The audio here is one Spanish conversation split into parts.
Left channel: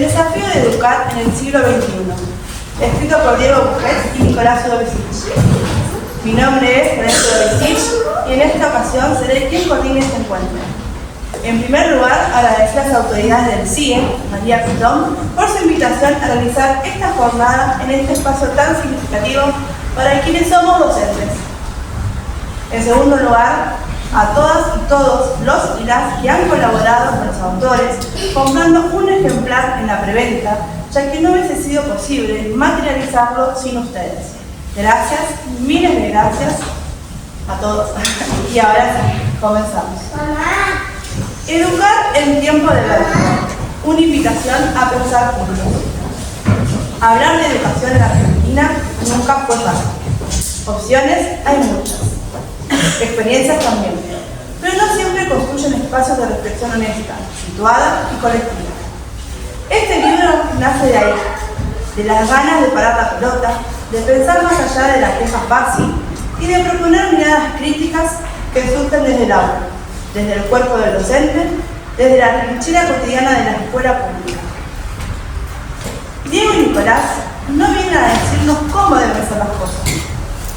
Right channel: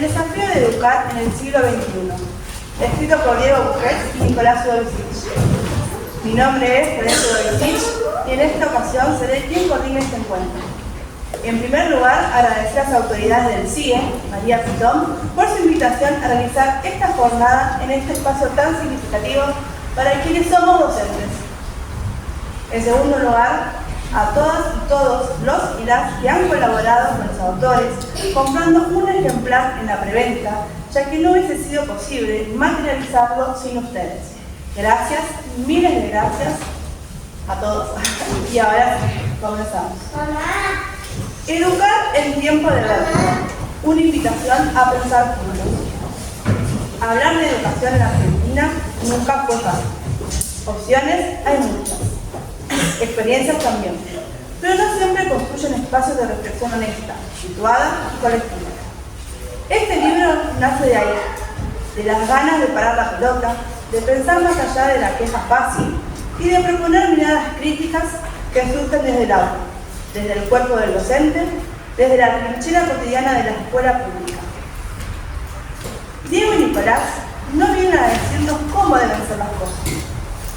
El desafío de educar en el siglo XXI, escrito por Diego Bujet y Nicolás Udovicic. Mi nombre es Ernesto Udovicic y en esta ocasión seré quien coordine este encuentro. En primer lugar, agradecer a las autoridades del CIE, María Pitón, por su invitación a realizar esta jornada en este espacio tan significativo para quienes somos docentes. En segundo lugar, a todas y todos los y las que han colaborado con los autores, comprando un ejemplar en la preventa, ya que no hubiese sido posible materializarlo sin ustedes. Gracias, miles de gracias a todos. Y ahora sí, comenzamos. Educar en tiempo de verdad. Una invitación a pensar juntos. Hablar de educación en Argentina nunca fue fácil. Opciones hay muchas. Experiencias también. Pero no siempre construyen espacios de reflexión honesta, situada y colectiva. Este libro nace de ahí, de las ganas de parar la pelota, de pensar más allá de la queja fácil y de proponer miradas críticas que surgen desde el aula, desde el cuerpo del docente, desde la trinchera cotidiana de la escuela pública. Diego y Nicolás no vienen a decirnos cómo deben ser las cosas.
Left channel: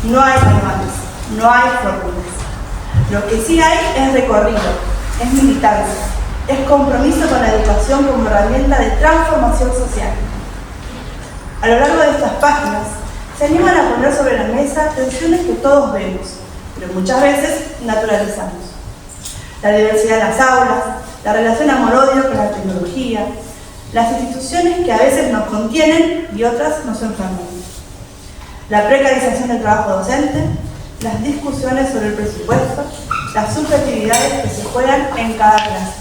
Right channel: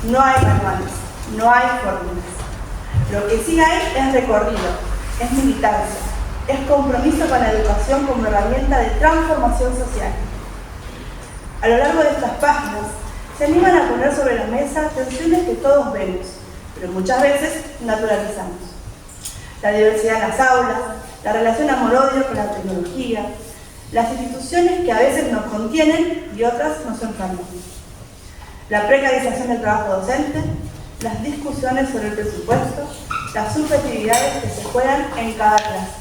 No hay manuales, no hay fórmulas. Lo que sí hay es recorrido, es militancia, es compromiso con la educación como herramienta de transformación social. A lo largo de estas páginas, se animan a poner sobre la mesa tensiones que todos vemos, pero muchas veces naturalizamos. La diversidad de las aulas, la relación amor-odio con la tecnología, las instituciones que a veces nos contienen y otras nos enferman. La precarización del trabajo docente, las discusiones sobre el presupuesto, las subjetividades que se juegan en cada clase.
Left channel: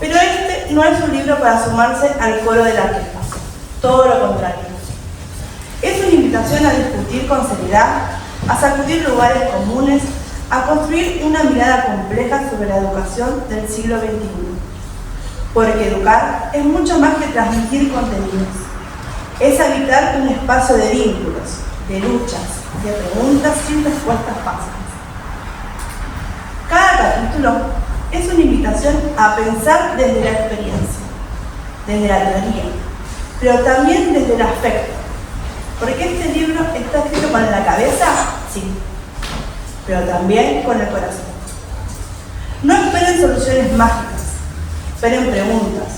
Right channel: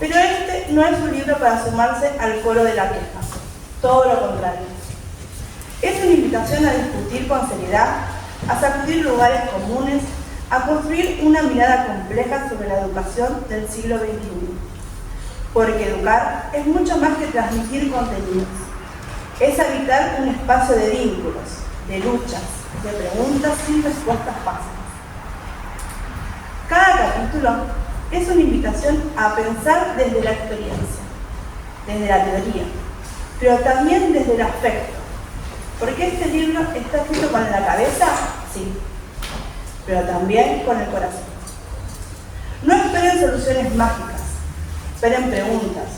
Pero este no es un libro para sumarse al coro de la queja, todo lo contrario. Es una invitación a discutir con seriedad, a sacudir lugares comunes, a construir una mirada compleja sobre la educación del siglo XXI. Porque educar es mucho más que transmitir contenidos. Es habitar un espacio de vínculos, de luchas, de preguntas sin respuestas fáciles. Cada capítulo es una invitación a pensar desde la experiencia, desde la teoría, pero también desde el afecto. Porque este libro está escrito con la cabeza, sí, pero también con el corazón. No esperen soluciones mágicas, esperen preguntas,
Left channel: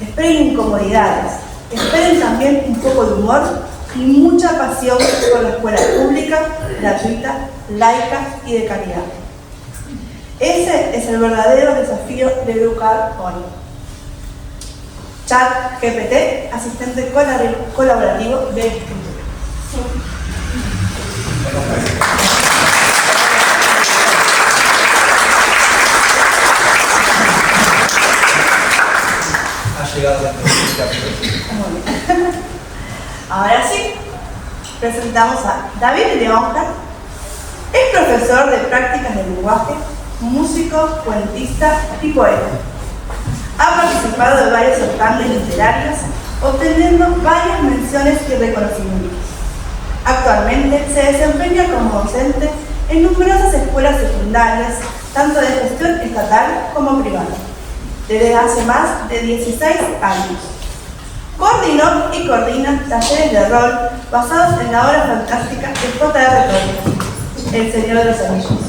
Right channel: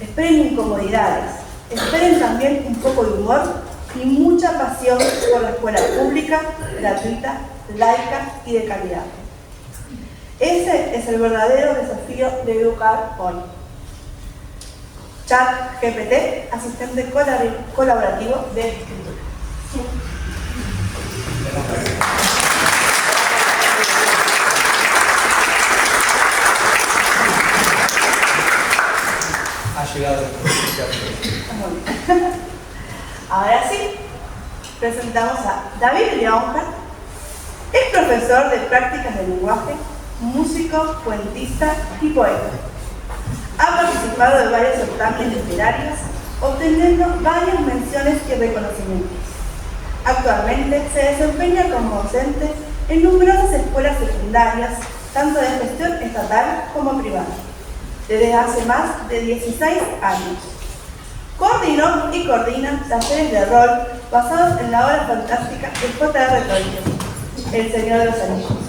esperen incomodidades, esperen también un poco de humor y mucha pasión por la escuela pública, gratuita, laica y de calidad. Ese es el verdadero desafío de educar hoy. ChatGPT, asistente colaborativo de escritura. Ha llegado la presencia. Ahora sí, presentamos a David Leonja. Es profesor de prácticas de lenguaje, músico, cuentista y poeta. Ha participado de varios certámenes literarios, obteniendo varias menciones y reconocimientos. Actualmente se desempeña como docente en numerosas escuelas secundarias, tanto de gestión estatal como privada, desde hace más de 16 años. Coordinó y coordina talleres de rol basados en la obra fantástica de J.R. Tolkien, El Señor de los Anillos.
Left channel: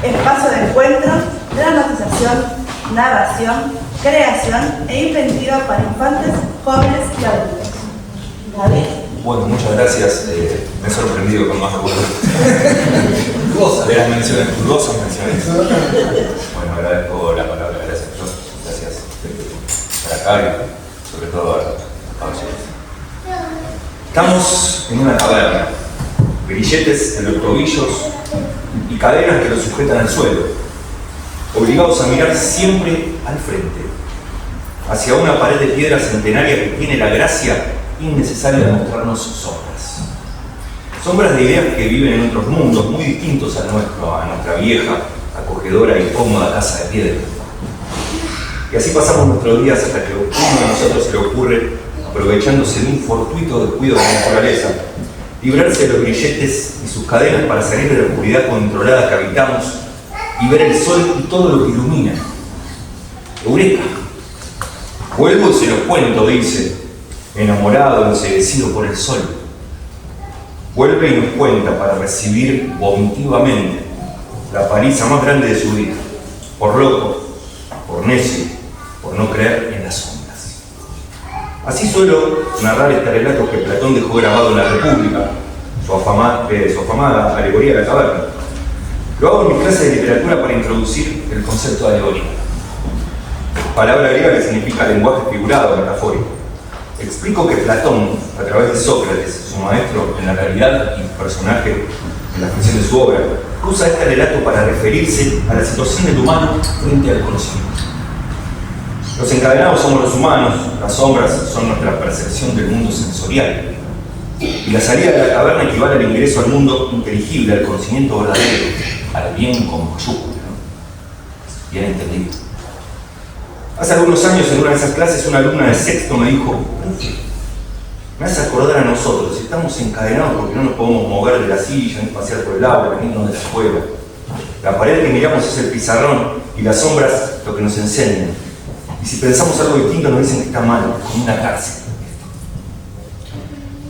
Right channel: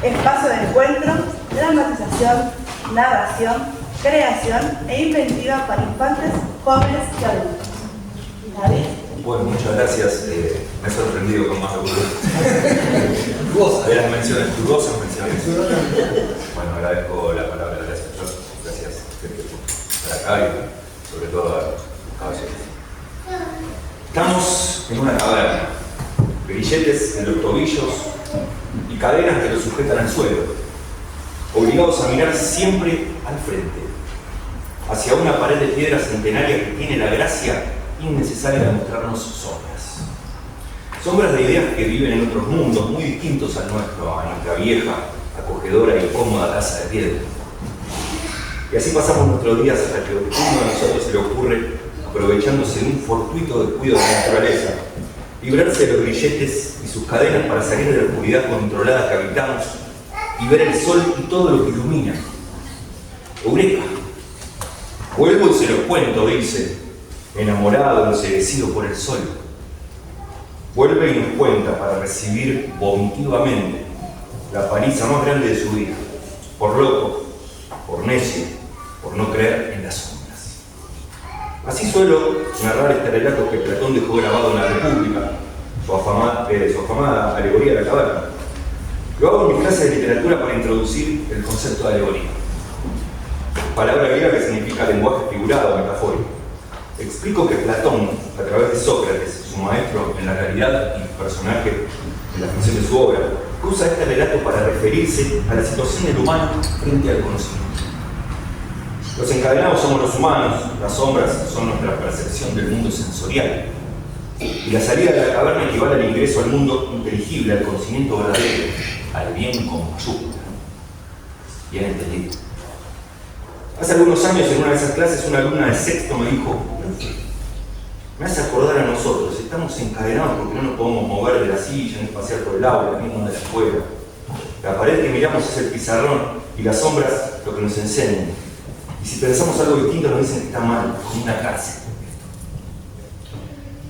Espacio de encuentro, dramatización, narración, creación e inventiva para infantes, jóvenes y adultos. David. Bueno, muchas gracias. Me he sorprendido con más algunas de las menciones, dudosas menciones. Bueno, agradezco la palabra, gracias a todos. Gracias por acá y sobre todo a los caballeros. Estamos en una taberna, grilletes en los tobillos y cadenas que los sujetan al suelo, obligados a mirar siempre al frente, hacia una pared de piedra centenaria que tiene la gracia innecesaria de mostrarnos sombras. Sombras de ideas que viven en otros mundos muy distintos al nuestro, a nuestra vieja, acogedora y cómoda casa de piedra. Y así pasamos nuestros días hasta que a uno de nosotros se le ocurre, aprovechándose de un fortuito descuido de la naturaleza, librarse de los grilletes y sus cadenas para salir de la oscuridad controlada que habitamos y ver el sol y todo lo que ilumina. ¡Eureka! Vuelvo y se los cuento, dice, enamorado, enceguecido por el sol. Vuelve y nos cuenta para recibir vomitivamente la paliza más grande de su vida, por loco, por necio, por no creer en las sombras. Así suelo narrar este relato que Platón dejó grabado en la República, su afamada alegoría de la caverna. Lo hago en mi clase de literatura para introducir el concepto de alegoría, palabra griega que significa lenguaje figurado, metafórico. Explico que Platón, a través de Sócrates, su maestro en la realidad y personaje en la ficción de su obra, usa este relato para referirse a la situación del humano frente al conocimiento. Los encadenados somos los humanos, las sombras son nuestra percepción del mundo sensorial. Y la salida de la caverna equivale al ingreso al mundo inteligible, al conocimiento verdadero, al bien con mayúscula, ¿no? Bien entendido. Hace algunos años, en una de esas clases, una alumna de sexto me dijo: me hace acordar a nosotros, estamos encadenados porque no nos podemos mover de la silla, ni pasear por el aula, ni irnos de la escuela. La pared que miramos es el pizarrón y las sombras lo que nos enseñan. Y si pensamos algo distinto nos dicen que está mal, como una cárcel.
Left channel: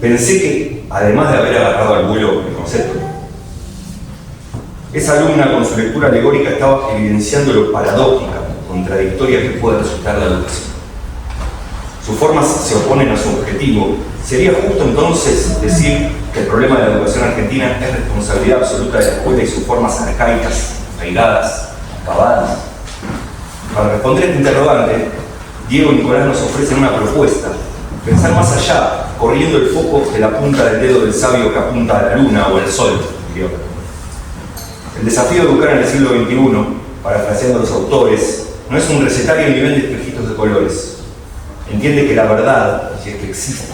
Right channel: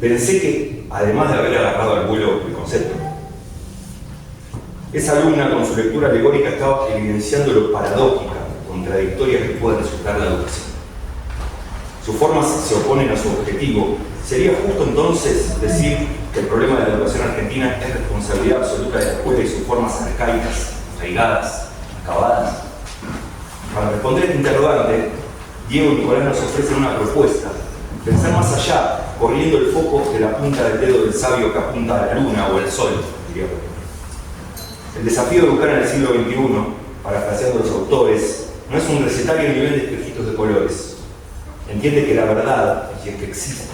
Pensé que, además de haber agarrado al vuelo el concepto, esa alumna con su lectura alegórica estaba evidenciando lo paradójica, contradictoria que puede resultar la educación. Sus formas se oponen a su objetivo. ¿Sería justo entonces decir que el problema de la educación argentina es responsabilidad absoluta de la escuela y sus formas arcaicas, arraigadas, acabadas? Para responder a este interrogante, Diego y Nicolás nos ofrecen una propuesta: pensar más allá, corriendo el foco de la punta del dedo del sabio que apunta a la luna o al sol, diría. El desafío de educar en el siglo XXI, parafraseando a los autores, no es un recetario ni vende espejitos de colores. Entiende que la verdad, si es que existe,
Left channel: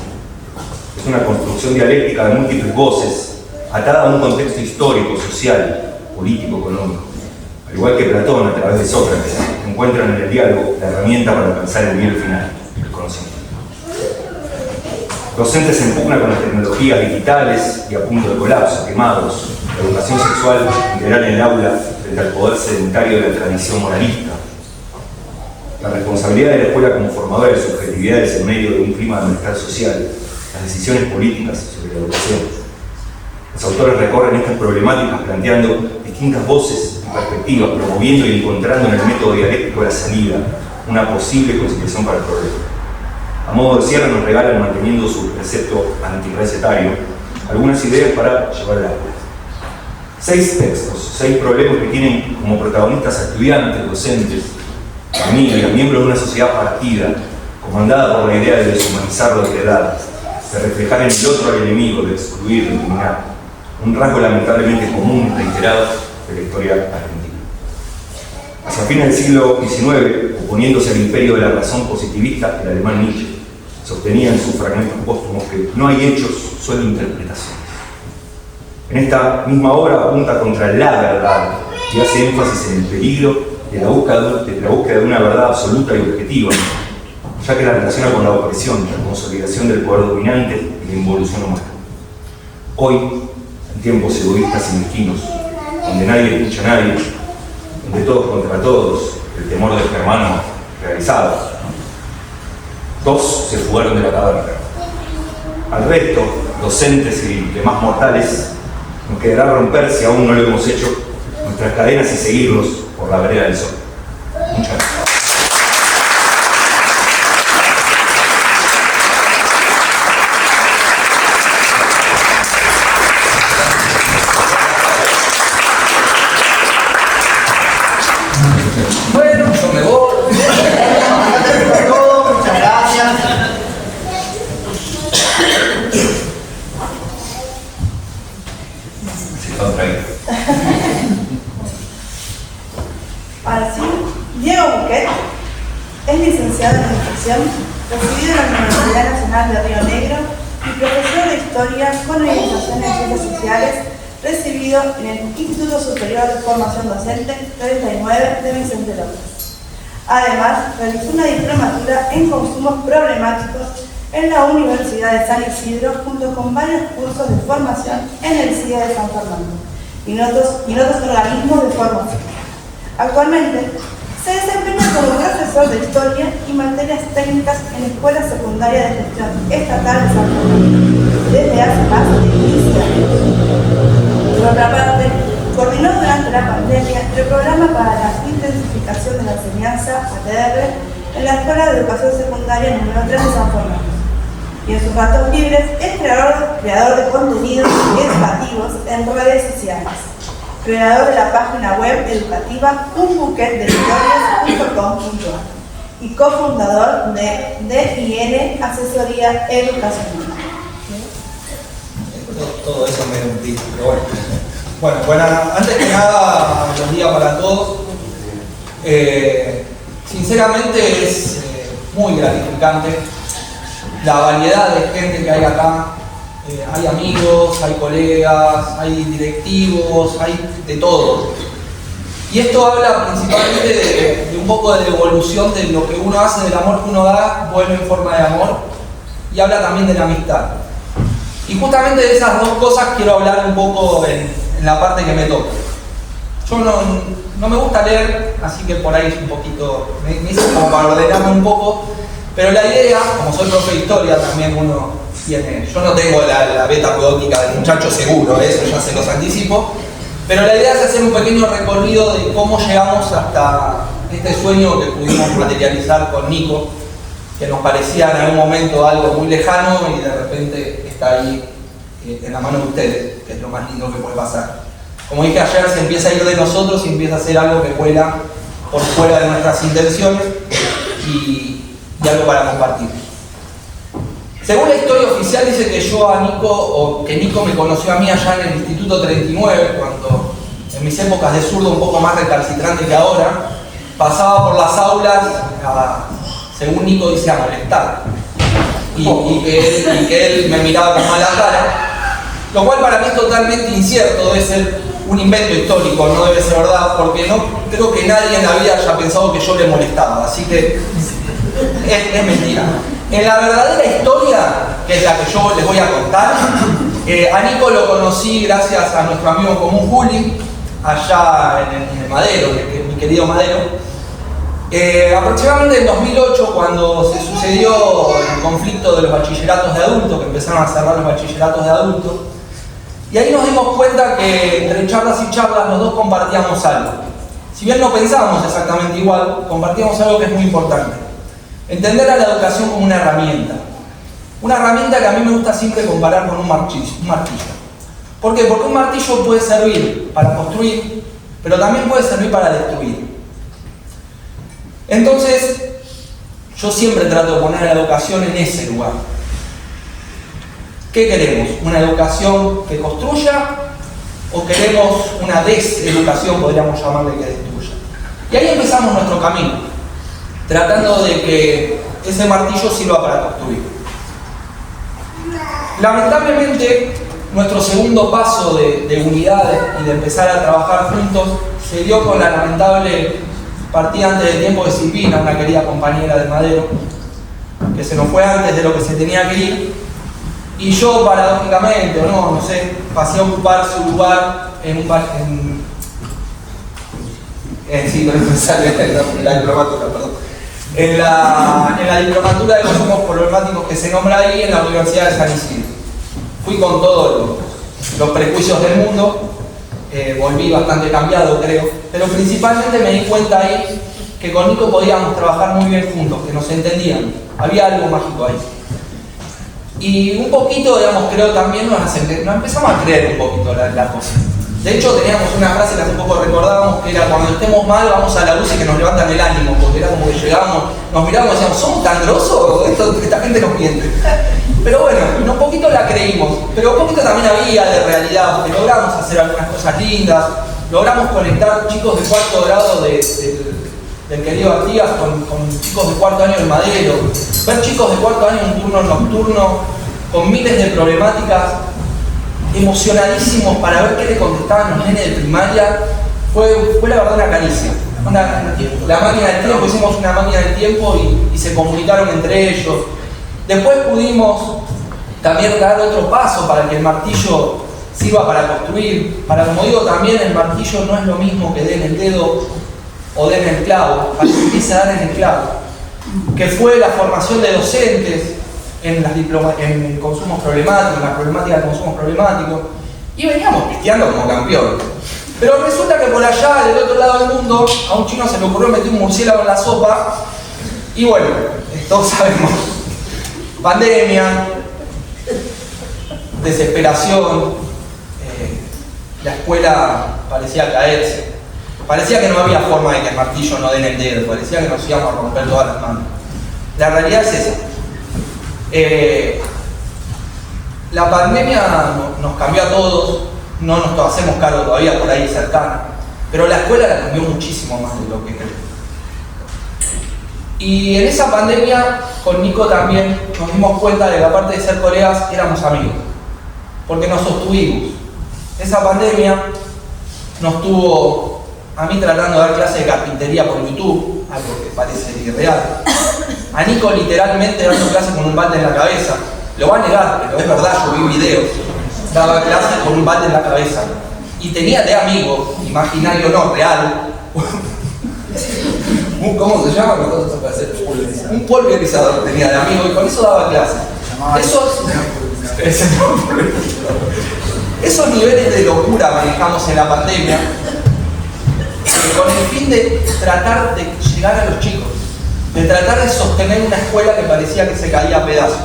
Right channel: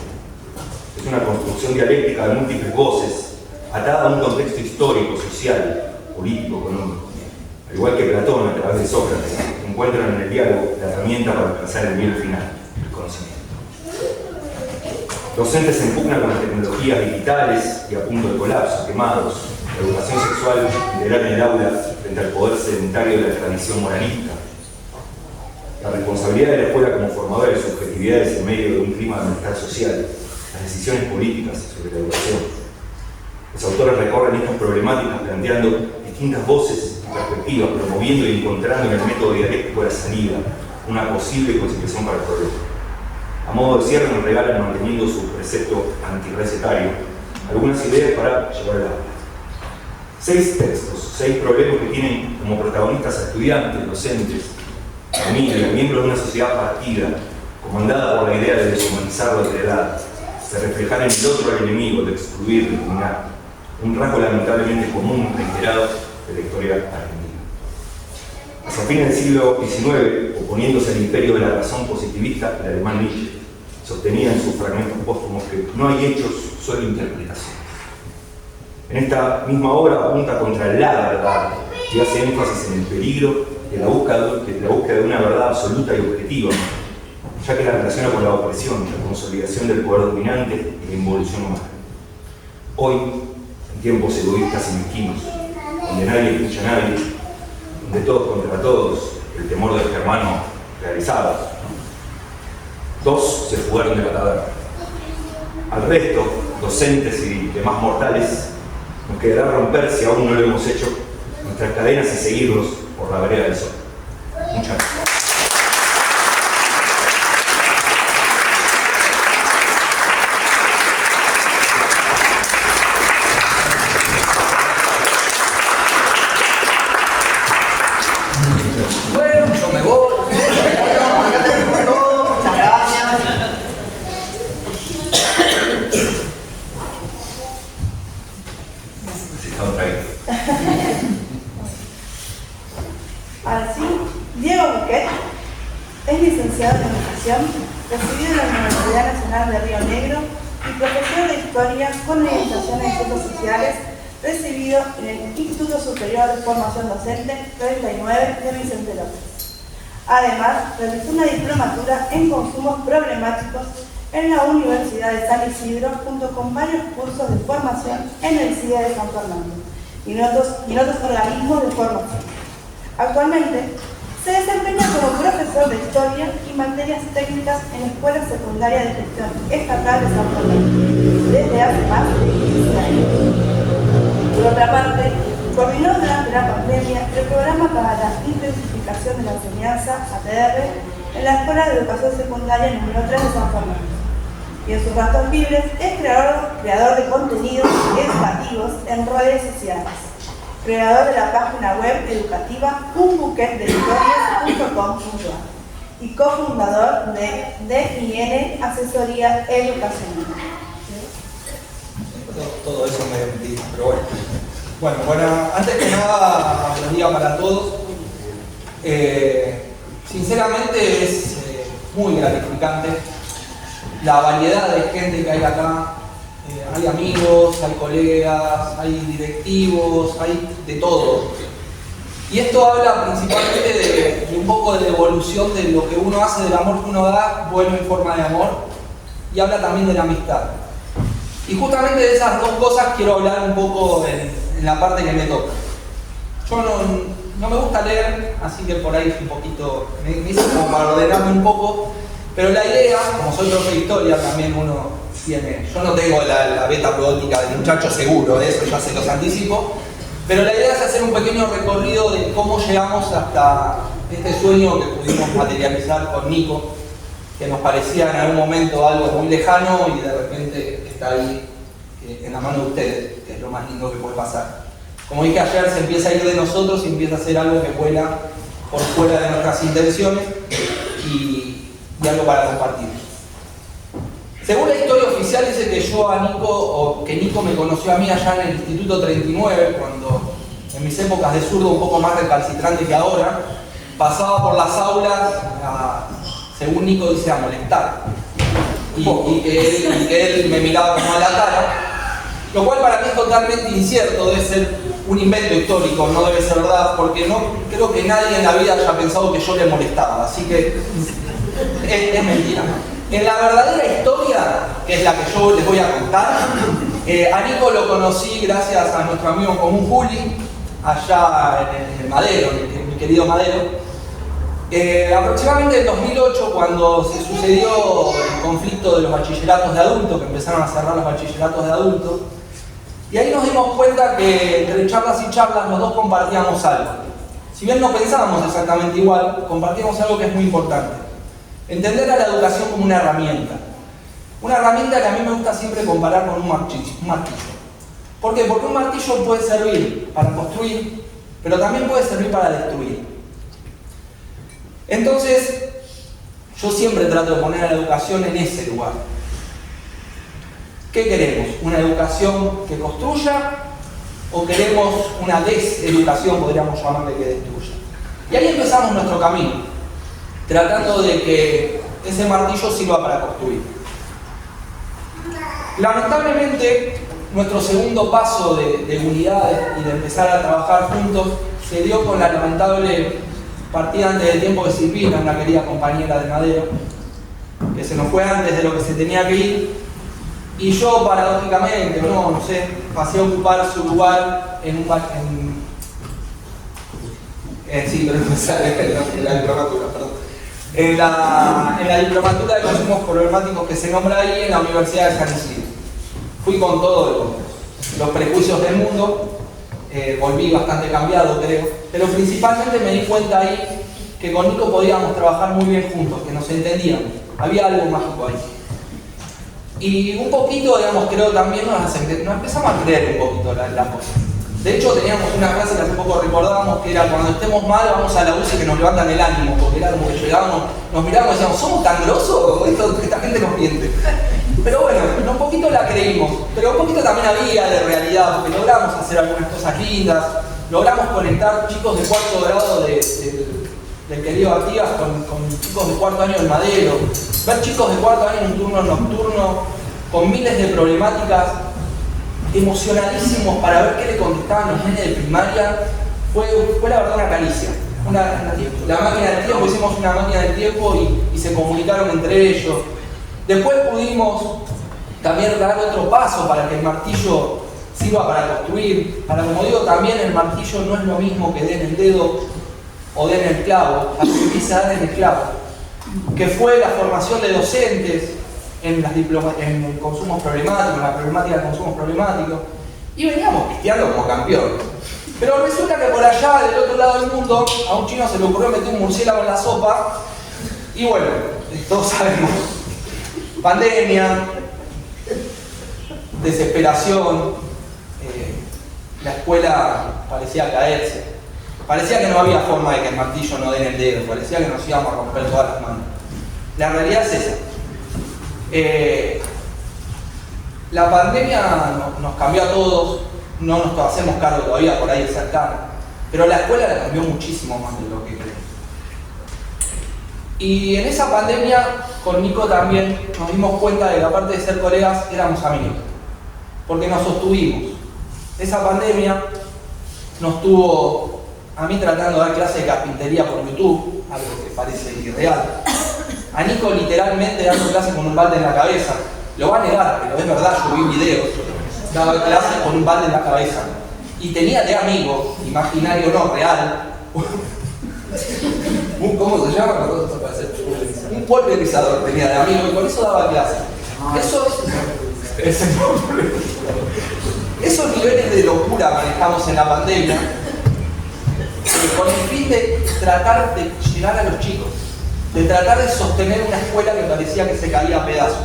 es una construcción dialéctica de múltiples voces, atada a un contexto histórico, social, político, económico. Al igual que Platón, a través de Sócrates, encuentran en el diálogo la herramienta para alcanzar el bien final, el conocimiento. Docentes se impugnan con las tecnologías digitales y a punto de colapso, quemados, la educación sexual integral en el aula frente al poder sedentario de la tradición moralista. La responsabilidad de la escuela como formadora de subjetividades en medio de un clima de malestar social, las decisiones políticas sobre la educación. Los autores recorren estas problemáticas planteando distintas voces y perspectivas, promoviendo y encontrando en el método dialéctico la salida, una posible conciliación para el problema. A modo de cierre nos regalan, manteniendo su precepto antirrecetario, algunas ideas para llevar al aula. 6 textos, 6 problemas que tienen como protagonistas a estudiantes, docentes, familias, miembros de una sociedad partida, comandada por la idea de deshumanizar la otredad, de reflejar en el otro al enemigo, de excluir, de eliminar. Un rasgo lamentablemente común, reiterado, de la historia argentina. Hacia fines del siglo XIX, oponiéndose al imperio de la razón positivista, el alemán Nietzsche sostenía en sus fragmentos póstumos que no hay hechos, solo interpretaciones. En esta misma obra apunta contra la verdad y hace énfasis en el peligro de la búsqueda de una verdad absoluta y objetiva, ya que la relaciona con la opresión, la consolidación del poder dominante y la involución humana. Hoy, en tiempos egoístas y mezquinos, donde nadie escucha a nadie, donde todos contra todos, el temor del germano realizado, ¿no? 2 se fugaron de la caverna. Al resto, docentes y demás mortales, nos quedará romper, si aún no lo hemos hecho, nuestras cadenas y seguirlos por la vereda del sol. Muchas gracias. Bueno, yo me voy. Muchas gracias. Se contrae. Ahora sí, Diego Buquet es licenciado en Educación, recibido en la Universidad Nacional de Río Negro y profesor de Historia con orientación en Ciencias Sociales, recibido en el Instituto Superior de Formación Docente 39 de Vicente López. Además, realizó una diplomatura en consumos problemáticos en la Universidad de San Isidro, junto con varios cursos de formación en el CIE de San Fernando y en otros organismos de formación. Actualmente Se desempeña como profesor de historia y materias técnicas en la Escuela Secundaria de Gestión Estatal de San Juan desde hace más de 15 años. Por otra parte, coordinó durante la pandemia el programa para la intensificación de la enseñanza ATR en la Escuela de Educación Secundaria número 3 de San Fernando. Y en sus ratos libres es creador de contenidos educativos en redes sociales, creador de la página web educativa unbuquetdehistorias.com.ar y cofundador de DIN Asesoría Educacional. Todo eso me metí, pero bueno. Antes que nada, buen día para todos. Sinceramente es muy gratificante la variedad de gente que hay acá. Hay amigos, hay colegas, hay directivos, hay de todo. Y esto habla principalmente de un poco de la evolución de lo que uno hace, del amor que uno da, vuelve en forma de amor, y habla también de la amistad. Y justamente de esas dos cosas quiero hablar un poco en la parte que me toca. Yo no me gusta leer, así que por ahí es un poquito, me hice como para ordenarme un poco, pero la idea, como soy profe de historia, también uno tiene, yo no tengo la beta poética del muchacho seguro, eso ya se los anticipo, pero la idea es hacer un pequeño recorrido de cómo llegamos hasta este sueño que pudimos materializar con Nico, que nos parecía en algún momento algo muy lejano y de repente está ahí en la mano de ustedes, que es lo más lindo que puede pasar. Como dije ayer, se empieza a ir de nosotros y empieza a ser algo que vuela por fuera de nuestras intenciones y algo para compartir. Según la historia oficial dice que que Nico me conoció a mí allá en el Instituto 39, cuando en mis épocas de zurdo un poco más recalcitrante que ahora, pasaba por las aulas según Nico dice, a molestar. Y que él me miraba con mala cara, lo cual para mí es totalmente incierto, debe ser un invento histórico, no debe ser verdad, porque no creo que nadie en la vida haya pensado que yo le molestaba, así que es mentira. En la verdadera historia, que es la que yo les voy a contar, a Nico lo conocí gracias a nuestro amigo en común Juli, allá en el Madero, que es mi querido Madero. Aproximadamente en 2008, cuando se sucedió el conflicto de los bachilleratos de adultos, que empezaron a cerrar los bachilleratos de adultos, y ahí nos dimos cuenta que entre charlas y charlas los dos compartíamos algo. Si bien no pensábamos exactamente igual, compartíamos algo que es muy importante. Entender a la educación como una herramienta. Una herramienta que a mí me gusta siempre comparar con un martillo. ¿Por qué? Porque un martillo puede servir para construir, pero también puede servir para destruir. Entonces, yo siempre trato de poner a la educación en ese lugar. ¿Qué queremos? ¿Una educación que construya o queremos una deseducación, podríamos llamarle, que destruya? Y ahí empezamos nuestro camino, tratando de que ese martillo sirva para construir. Lamentablemente, nuestro segundo paso de unidad y de empezar a trabajar juntos se dio con la lamentable partida antes del tiempo de Silvina, una querida compañera del Madero, que se nos fue antes de lo que se tenía que ir. Y yo, paradójicamente, no sé, pasé a ocupar su lugar en la diplomatura de consumos problemáticos que se nombra ahí en la Universidad de San Isidro. Fui con todos los prejuicios del mundo, volví bastante cambiado, creo, pero principalmente me di cuenta ahí que con Nico podíamos trabajar muy bien juntos, que nos entendíamos, había algo mágico ahí. Y un poquito, digamos, creo también nos empezamos a creer un poquito la cosa. De hecho, teníamos una frase que hace poco recordábamos, que era: cuando estemos mal, vamos a la luz y que nos levantan el ánimo, porque era como que llegábamos, nos mirábamos y decíamos, ¿somos tan grosos? Esta gente nos miente. Pero bueno, un poquito la creímos, pero un poquito también había de realidad, porque logramos hacer algunas cosas lindas, logramos conectar chicos de cuarto grado del querido Artigas con chicos de cuarto año del Madero, ver chicos de cuarto año en un turno nocturno con miles de problemáticas, emocionadísimos para ver qué le contestaban los nenes de primaria, fue la verdad una caricia. La máquina del tiempo, hicimos una máquina del tiempo y se comunicaron entre ellos. Después pudimos también dar otro paso para que el martillo sirva para construir. Para, como digo, también el martillo no es lo mismo que den el dedo o den el clavo, para que empiece a dar en el clavo, que fue la formación de docentes en consumos problemáticos, en la problemática de consumos problemáticos, y veníamos pisteando como campeón. Pero resulta que por allá, del otro lado del mundo, a un chino se le ocurrió meter un murciélago en la sopa, y bueno, todos sabemos, pandemia, desesperación, la escuela parecía caerse, parecía que no había forma de que el martillo no den el dedo, parecía que nos íbamos a romper todas las manos. La realidad es esa. La pandemia nos cambió a todos, no nos hacemos cargo todavía por ahí cercano, pero la escuela la cambió muchísimo más de lo que creo. Y en esa pandemia, con Nico también nos dimos cuenta de que aparte de ser colegas, éramos amigos, porque nos sostuvimos. Esa pandemia nos tuvo a mí tratando de dar clases de carpintería por YouTube, algo que parece irreal. A Nico literalmente dando clases con un balde en la cabeza. Lo va a negar, pero es verdad, yo vi videos. Daba clases con un balde en la cabeza. Y tenía de amigo, imaginario no, real. ¿Cómo se llama? Un pulverizador tenía de amigo y con eso daba clases. Esos niveles de locura manejamos en la pandemia con el fin de tratar de llegar a los chicos, de tratar de sostener una escuela que parecía que se caía a pedazos.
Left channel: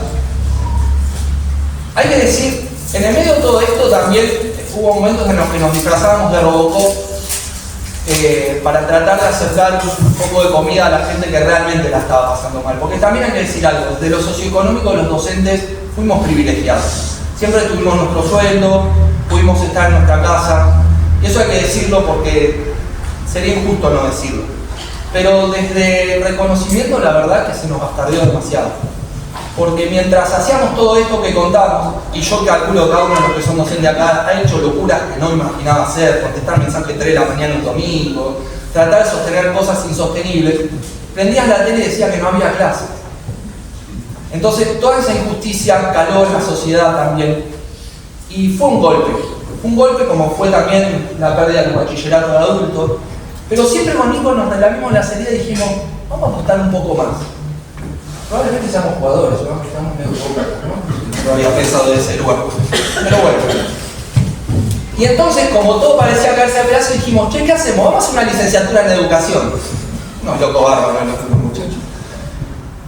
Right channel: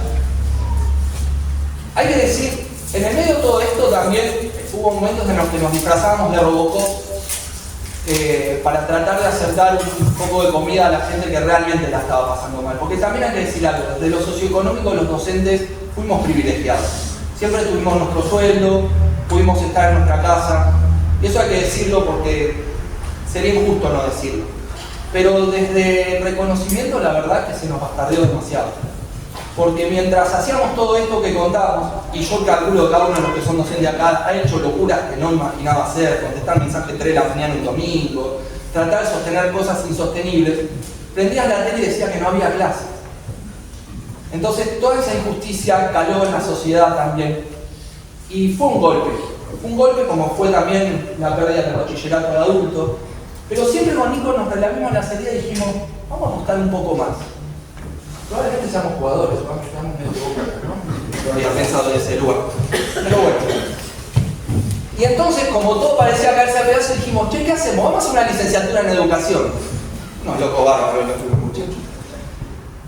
Hay que decir, en el medio de todo esto también hubo momentos en los que nos disfrazábamos de Robocop para tratar de acercar un poco de comida a la gente que realmente la estaba pasando mal. Porque también hay que decir algo, desde lo socioeconómico los docentes fuimos privilegiados. Siempre tuvimos nuestro sueldo, pudimos estar en nuestra casa, y eso hay que decirlo porque sería injusto no decirlo. Pero desde el reconocimiento la verdad es que se nos bastardeó demasiado. Porque mientras hacíamos todo esto que contamos, y yo calculo que cada uno de los que son docentes acá ha hecho locuras que no imaginaba hacer, contestar mensajes 3 de la mañana un domingo, tratar de sostener cosas insostenibles, prendías la tele y decía que no había clases. Entonces toda esa injusticia caló en la sociedad también, y fue un golpe como fue también la pérdida del bachillerato de adulto, pero siempre con Nico nos relamimos la salida y dijimos, vamos a apostar un poco más. Probablemente seamos jugadores, ¿no? Estamos medio pocos, ¿no? No había pensado de ese lugar. Pero bueno. Y entonces, como todo parecía caerse a pedazos, dijimos, che, ¿qué hacemos? Vamos a hacer una licenciatura en educación. No, loco bárbaro, los muchachos.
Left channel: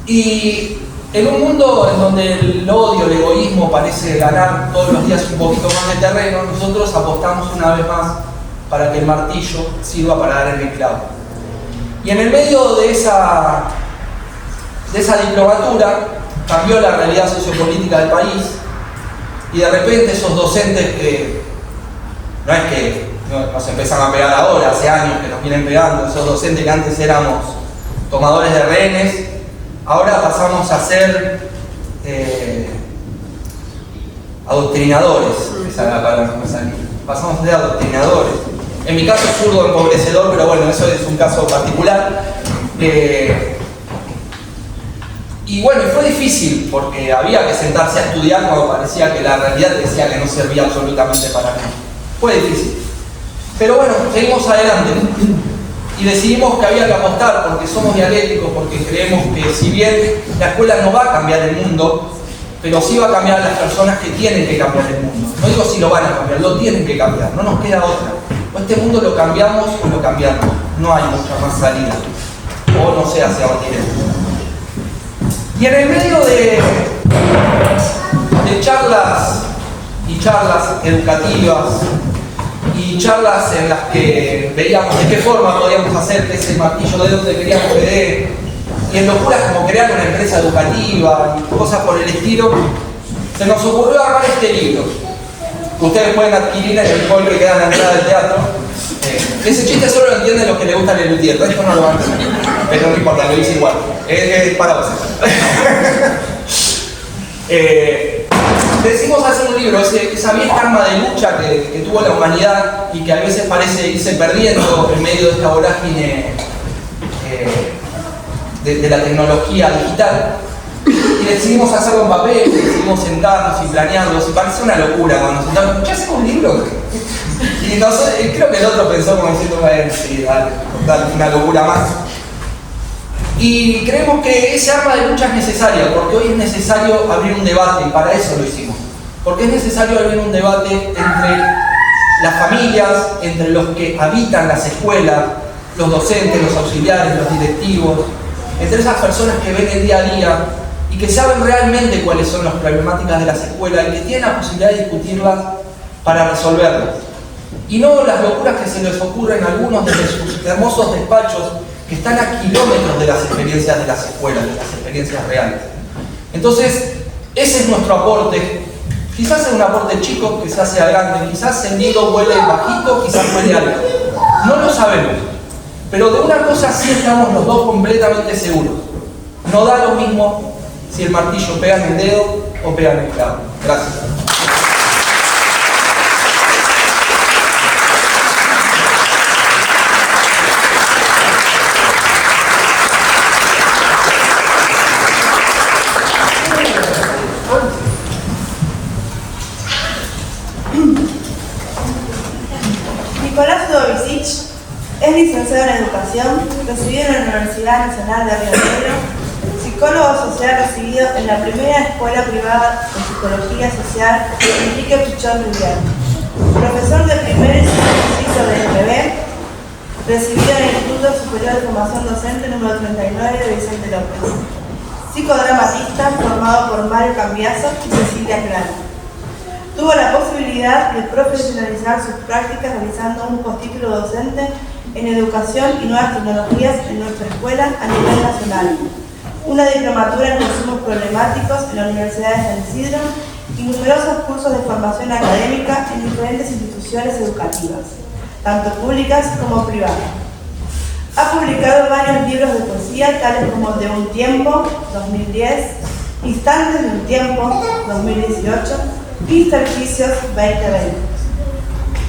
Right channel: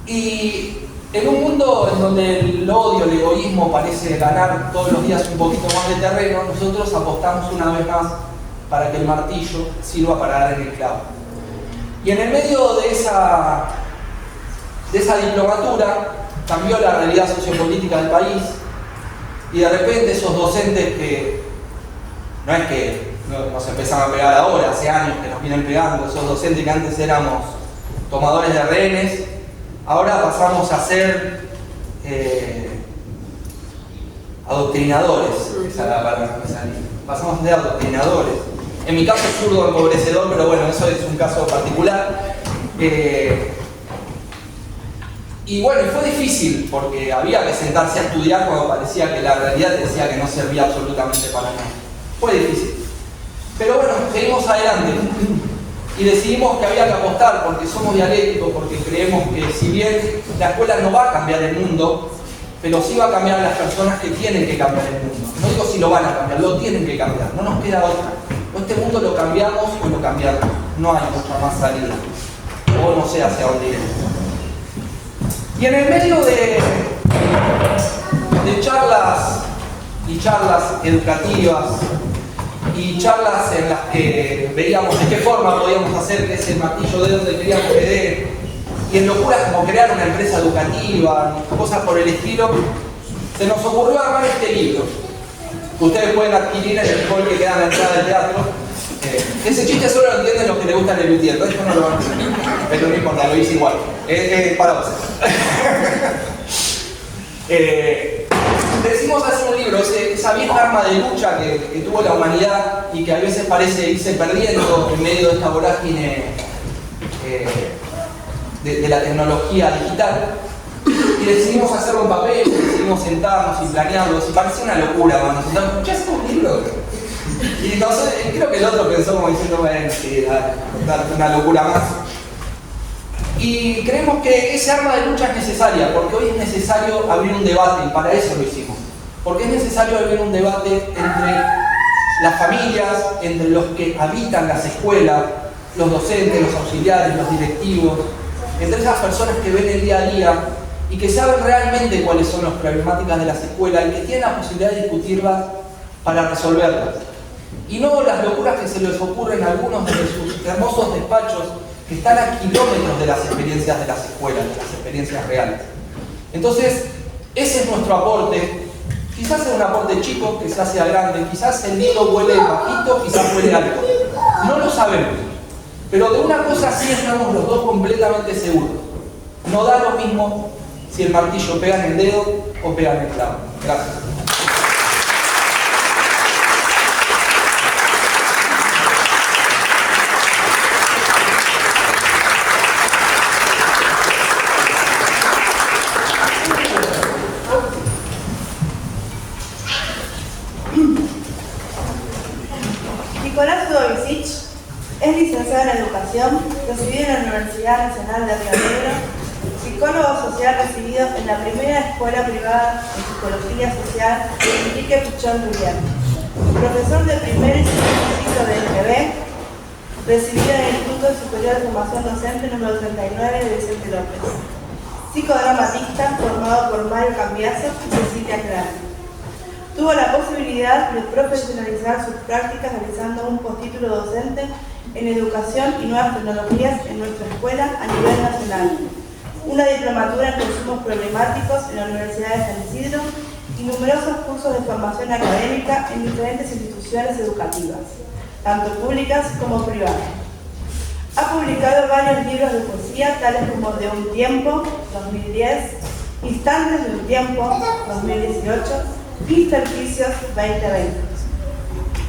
Y en un mundo en donde el odio, el egoísmo parece ganar todos los días un poquito más de terreno, nosotros apostamos una vez más para que el martillo sirva para dar en el clavo. Y en el medio de esa diplomatura cambió la realidad sociopolítica del país y de repente esos docentes que no es que nos empiezan a pegar ahora, hace años que nos vienen pegando, esos docentes que antes éramos tomadores de rehenes, ahora pasamos a ser adoctrinadores, esa es la palabra que me salía. Pasamos a ser adoctrinadores. En mi caso es zurdo empobrecedor, pero bueno, eso es un caso particular. Y bueno, y fue difícil porque había que sentarse a estudiar cuando parecía que la realidad decía que no servía absolutamente para nada. Fue difícil. Pero bueno, seguimos adelante. Y decidimos que había que apostar porque somos dialécticos, porque creemos que si bien la escuela no va a cambiar el mundo, pero sí va a cambiar a las personas que tienen que cambiar el mundo. No digo si lo van a cambiar, lo tienen que cambiar, no nos queda otra. O este mundo lo cambiamos o lo cambiamos. No hay mucha más salida. O no sé hacia dónde iremos. Y en el medio de charlas y charlas educativas y charlas en las que veíamos de qué forma podíamos hacer ese martillo de donde queríamos que dé, y en locuras como crear una empresa educativa y cosas por el estilo, se nos ocurrió armar este libro. Ustedes pueden adquirir en el hall que queda en la entrada del teatro. Ese chiste solo lo entienden los que les gusta el Lelutier, esto no lo van a hacer, pero no importa, lo hice igual. Es para vos. Decidimos hacer un libro, esa vieja arma de lucha que tuvo la humanidad y que a veces parece irse perdiendo en medio de esta vorágine de la tecnología digital. Y decidimos hacerlo en papel, decidimos pudimos sentarnos y planearlos, y parecía una locura cuando nos sentamos, ¿ya hacemos un libro? Y no sé, creo que el otro pensó como diciendo, bueno, sí, dale, una locura más. Y creemos que ese arma de lucha es necesaria, porque hoy es necesario abrir un debate, y para eso lo hicimos. Porque es necesario abrir un debate entre las familias, entre los que habitan las escuelas, los docentes, los auxiliares, los directivos, entre esas personas que ven el día a día y que saben realmente cuáles son las problemáticas de las escuelas y que tienen la posibilidad de discutirlas para resolverlas. Y no las locuras que se les ocurren a algunos desde sus hermosos despachos que están a kilómetros de las experiencias de las escuelas, de las experiencias reales. Entonces, ese es nuestro aporte. Quizás es un aporte chico, quizás sea grande, quizás el nido huele bajito, quizás huele alto. No lo sabemos. Pero de una cosa sí estamos los dos completamente seguros. No da lo mismo si el martillo pega en el dedo o pega en el clavo. Gracias. Nicolás Dovicic es licenciado en Educación, recibido en la Universidad Nacional de Río Negro, psicólogo social recibido en la primera escuela privada de psicología social Enrique Pichón Rivière, profesor de primer y segundo ciclo de IPB, recibido en el Instituto Superior de Formación Docente número 39 de Vicente López, psicodramatista formado por Mario Cambiaso y Cecilia Plano. Tuvo la posibilidad de profesionalizar sus prácticas realizando un postítulo docente en Educación y Nuevas Tecnologías en nuestra escuela a nivel nacional, una diplomatura en consumos problemáticos en la Universidad de San Isidro y numerosos cursos de formación académica en diferentes instituciones educativas, tanto públicas como privadas. Ha publicado varios libros de poesía, tales como De un tiempo, 2010, Instantes de un tiempo, 2018, Intersticios 2020.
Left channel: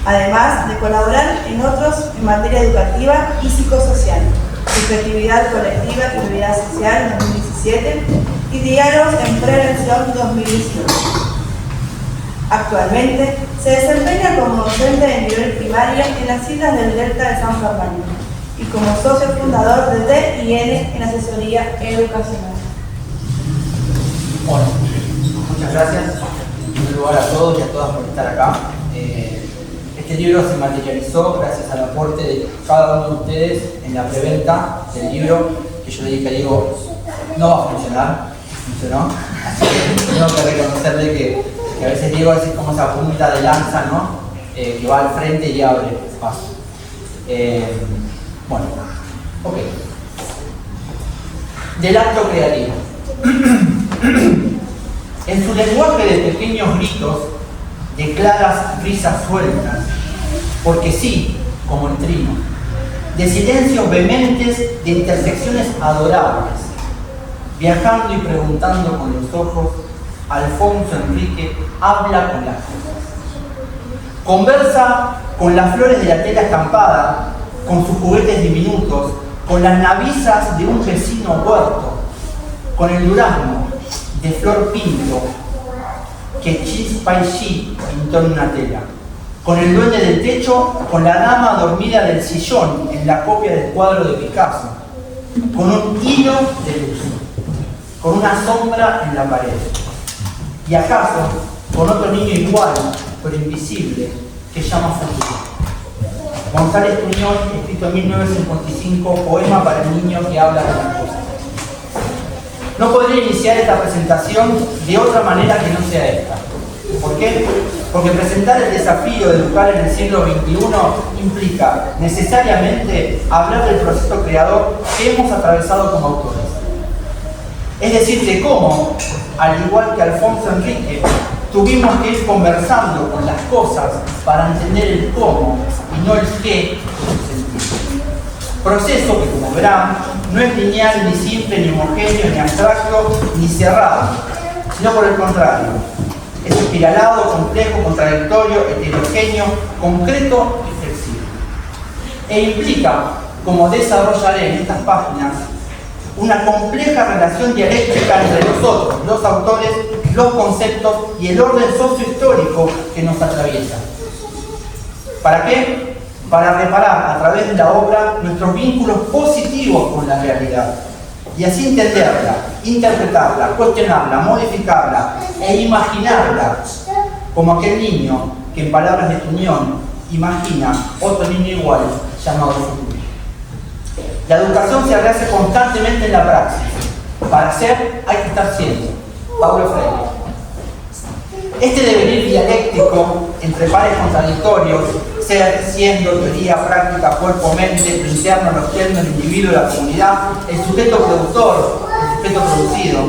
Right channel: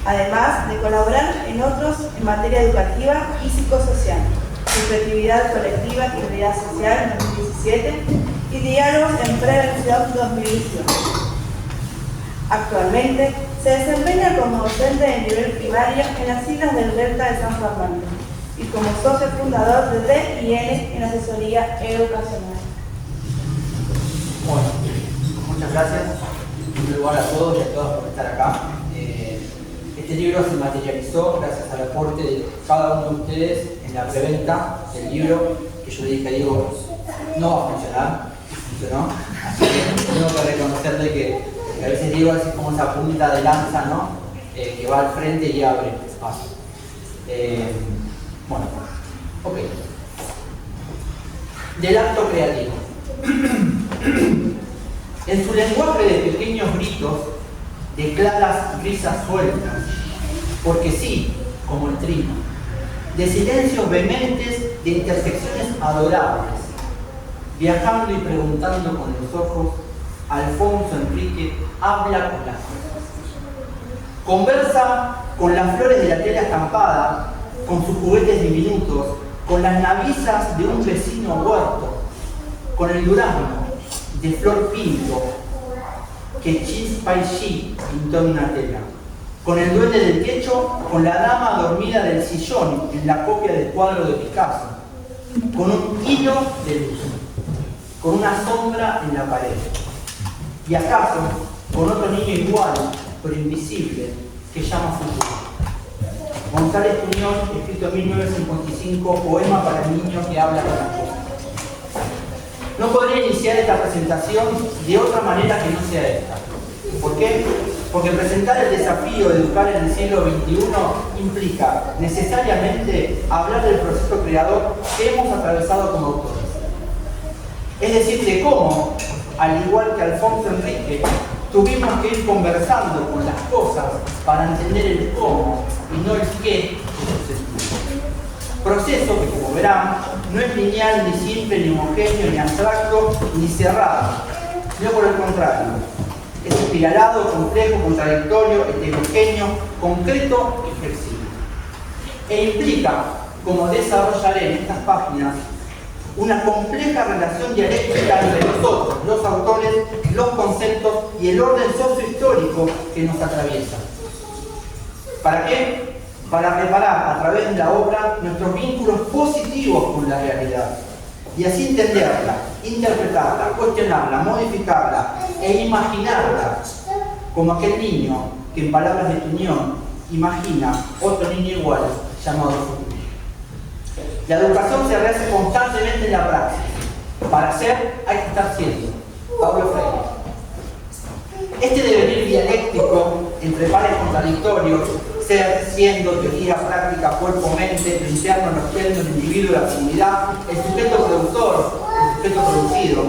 Además de colaborar en otros en materia educativa y psicosocial, Subjetividad colectiva y realidad social 2017 y Diálogos en prevención 2018. Actualmente se desempeña como docente de nivel primario en las islas del Delta de San Fernando y como socio fundador de D&N en asesoría educacional. Bueno, muchas gracias en primer lugar a todos y a todas por estar acá. Este libro se materializó gracias al aporte de cada uno de ustedes en la preventa del libro, que yo le dije a Diego, no va a funcionar, funcionó, así que tengo que reconocerle que a veces Diego es como esa punta de lanza, ¿no? Que va al frente y abre espacio. Bueno, ok. Del acto creativo. En su lenguaje de pequeños gritos, de claras risas sueltas, porque sí, como el trino, de silencios vehementes, de intersecciones adorables, viajando y preguntando con los ojos, Alfonso Enrique habla con las cosas. Conversa con las flores de la tela estampada, con sus juguetes diminutos, con las navisas de un vecino huerto, con el durazno de flor pinto que Chis Paishi pintó en una tela, con el duende del techo, con la dama dormida del sillón en la copia del cuadro de Picasso, con un hilo de luz, con una sombra en la pared, y acaso con otro niño igual, pero invisible, que llama futuro. González Tuñón, escrito en 1955, poema para el niño que habla con la cosa. No podría iniciar esta presentación de otra manera que no sea esta. ¿Por qué? Porque presentar el desafío de educar en el siglo XXI implica necesariamente hablar del proceso creador que hemos atravesado como autores. Es decir, de cómo, al igual que Alfonso Enrique, tuvimos que ir conversando con las cosas para entender el cómo y no el qué de su sentido. Proceso que, como verán, no es lineal, ni simple, ni homogéneo, ni abstracto, ni cerrado, sino por el contrario. Es espiralado, complejo, contradictorio, heterogéneo, concreto y flexible. E implica, como desarrollaré en estas páginas, una compleja relación dialéctica entre nosotros, los autores, los conceptos y el orden sociohistórico que nos atraviesa. ¿Para qué? Para reparar a través de la obra nuestros vínculos positivos con la realidad y así entenderla, interpretarla, cuestionarla, modificarla e imaginarla como aquel niño que en palabras de Tuñón imagina otro niño igual llamado futuro. La educación se rehace constantemente en la praxis. Para hacer hay que estar siendo. Paulo Freire. Este devenir dialéctico entre pares contradictorios, ser, siendo, teoría, práctica, cuerpo, mente, lo interno, lo externo, el individuo, la comunidad, el sujeto productor, el sujeto producido,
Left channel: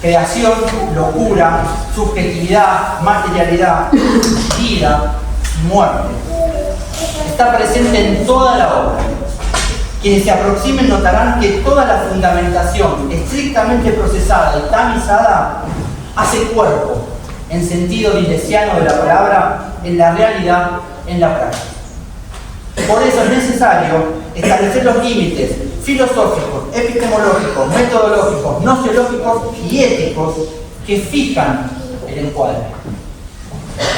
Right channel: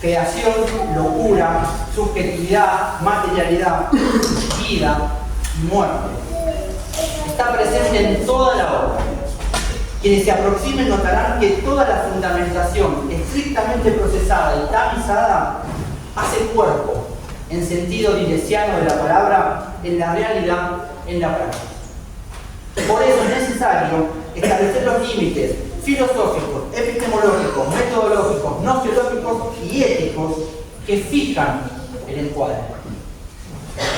creación, locura, subjetividad, materialidad, vida y muerte. Está presente en toda la obra. Quienes se aproximen notarán que toda la fundamentación estrictamente procesada y tamizada hace cuerpo, en sentido dilesiano de la palabra, en la realidad, en la práctica. Por eso es necesario establecer los límites filosóficos, epistemológicos, metodológicos, nociológicos y éticos que fijan el encuadre.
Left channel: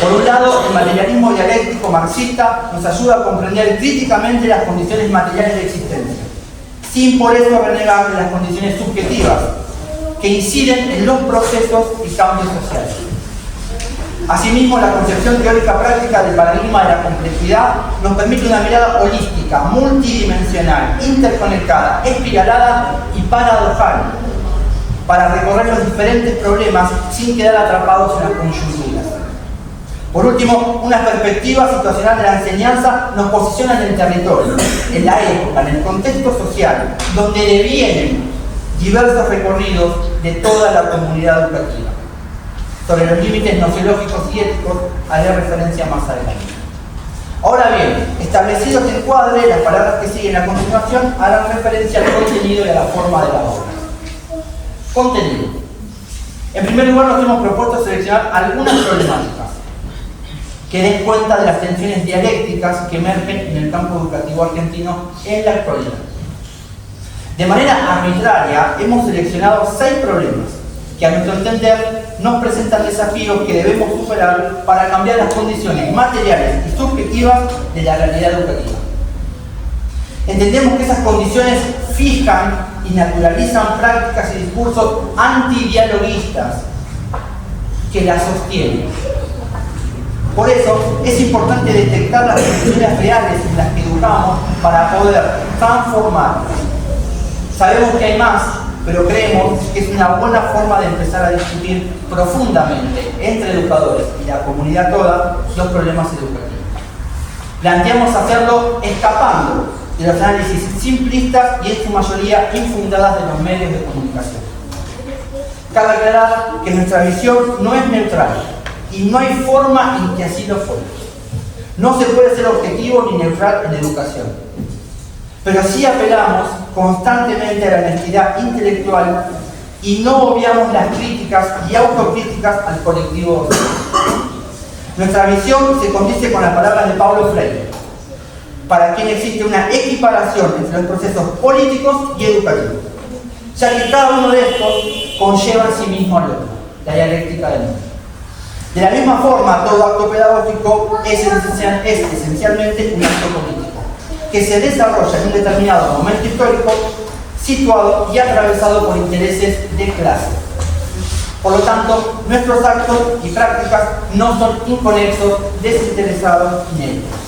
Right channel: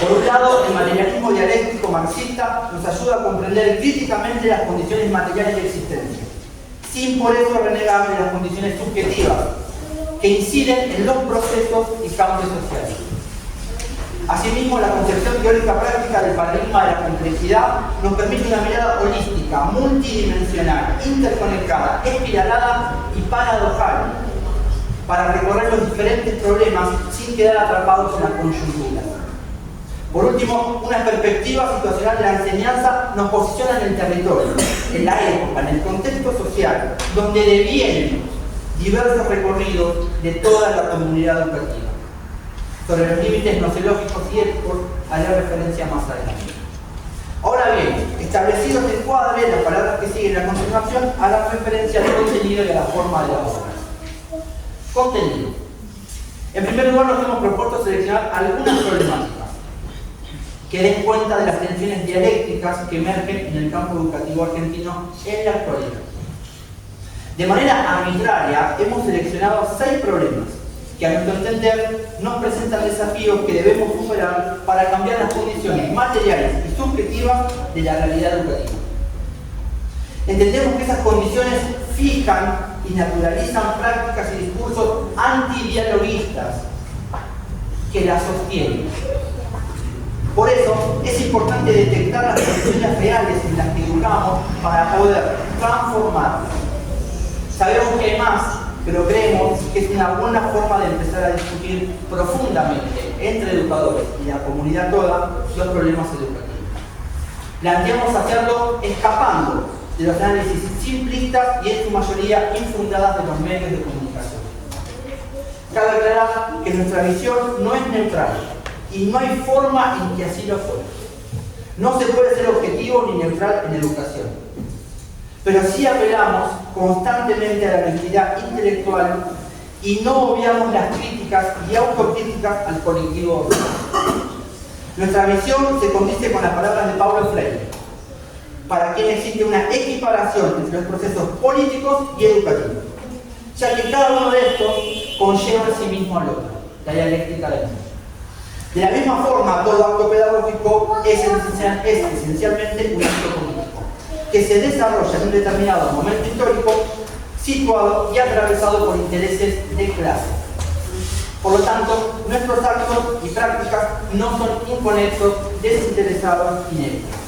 Por un lado, el materialismo dialéctico marxista nos ayuda a comprender críticamente las condiciones materiales de existencia, sin por eso renegar de las condiciones subjetivas que inciden en los procesos y cambios sociales. Asimismo, la concepción teórica práctica del paradigma de la complejidad nos permite una mirada holística, multidimensional, interconectada, espiralada y paradojal, para recorrer los diferentes problemas sin quedar atrapados en las coyunturas. Por último, una perspectiva situacional de la enseñanza nos posiciona en el territorio, en la época, en el contexto social, donde devienen diversos recorridos de toda la comunidad educativa. Sobre los límites nociológicos y éticos haré referencia más adelante. Ahora bien, establecidos en encuadre, las palabras que siguen a continuación harán referencia al contenido y a la forma de la obra. Contenido. En primer lugar, nos hemos propuesto seleccionar algunas problemáticas que den cuenta de las tensiones dialécticas que emergen en el campo educativo argentino en la actualidad. De manera arbitraria, hemos seleccionado 6 problemas que a nuestro entender nos presentan desafíos que debemos superar para cambiar las condiciones materiales y subjetivas de la realidad educativa. Entendemos que esas condiciones fijan y naturalizan prácticas y discursos antidialoguistas que las sostienen. Por eso es importante detectar las condiciones reales en las que educamos para poder transformar. Sabemos que hay más, pero creemos que es una buena forma de empezar a discutir profundamente entre educadores y la comunidad toda los problemas educativos. Planteamos hacerlo escapando de los análisis simplistas y en su mayoría infundadas de los medios de comunicación. Cabe aclarar que nuestra visión no es neutral y no hay forma en que así lo fuera. No se puede ser objetivo ni neutral en educación. Pero sí apelamos constantemente a la honestidad intelectual y no obviamos las críticas y autocríticas al colectivo docente. Nuestra visión se condice con las palabras de Paulo Freire, para quien existe una equiparación entre los procesos políticos y educativos, ya que cada uno de estos conlleva en sí mismo al otro, la dialéctica del mundo. De la misma forma, todo acto pedagógico es esencialmente un acto político, que se desarrolla en un determinado momento histórico, situado y atravesado por intereses de clase. Por lo tanto, nuestros actos y prácticas no son inconexos, desinteresados y neutros.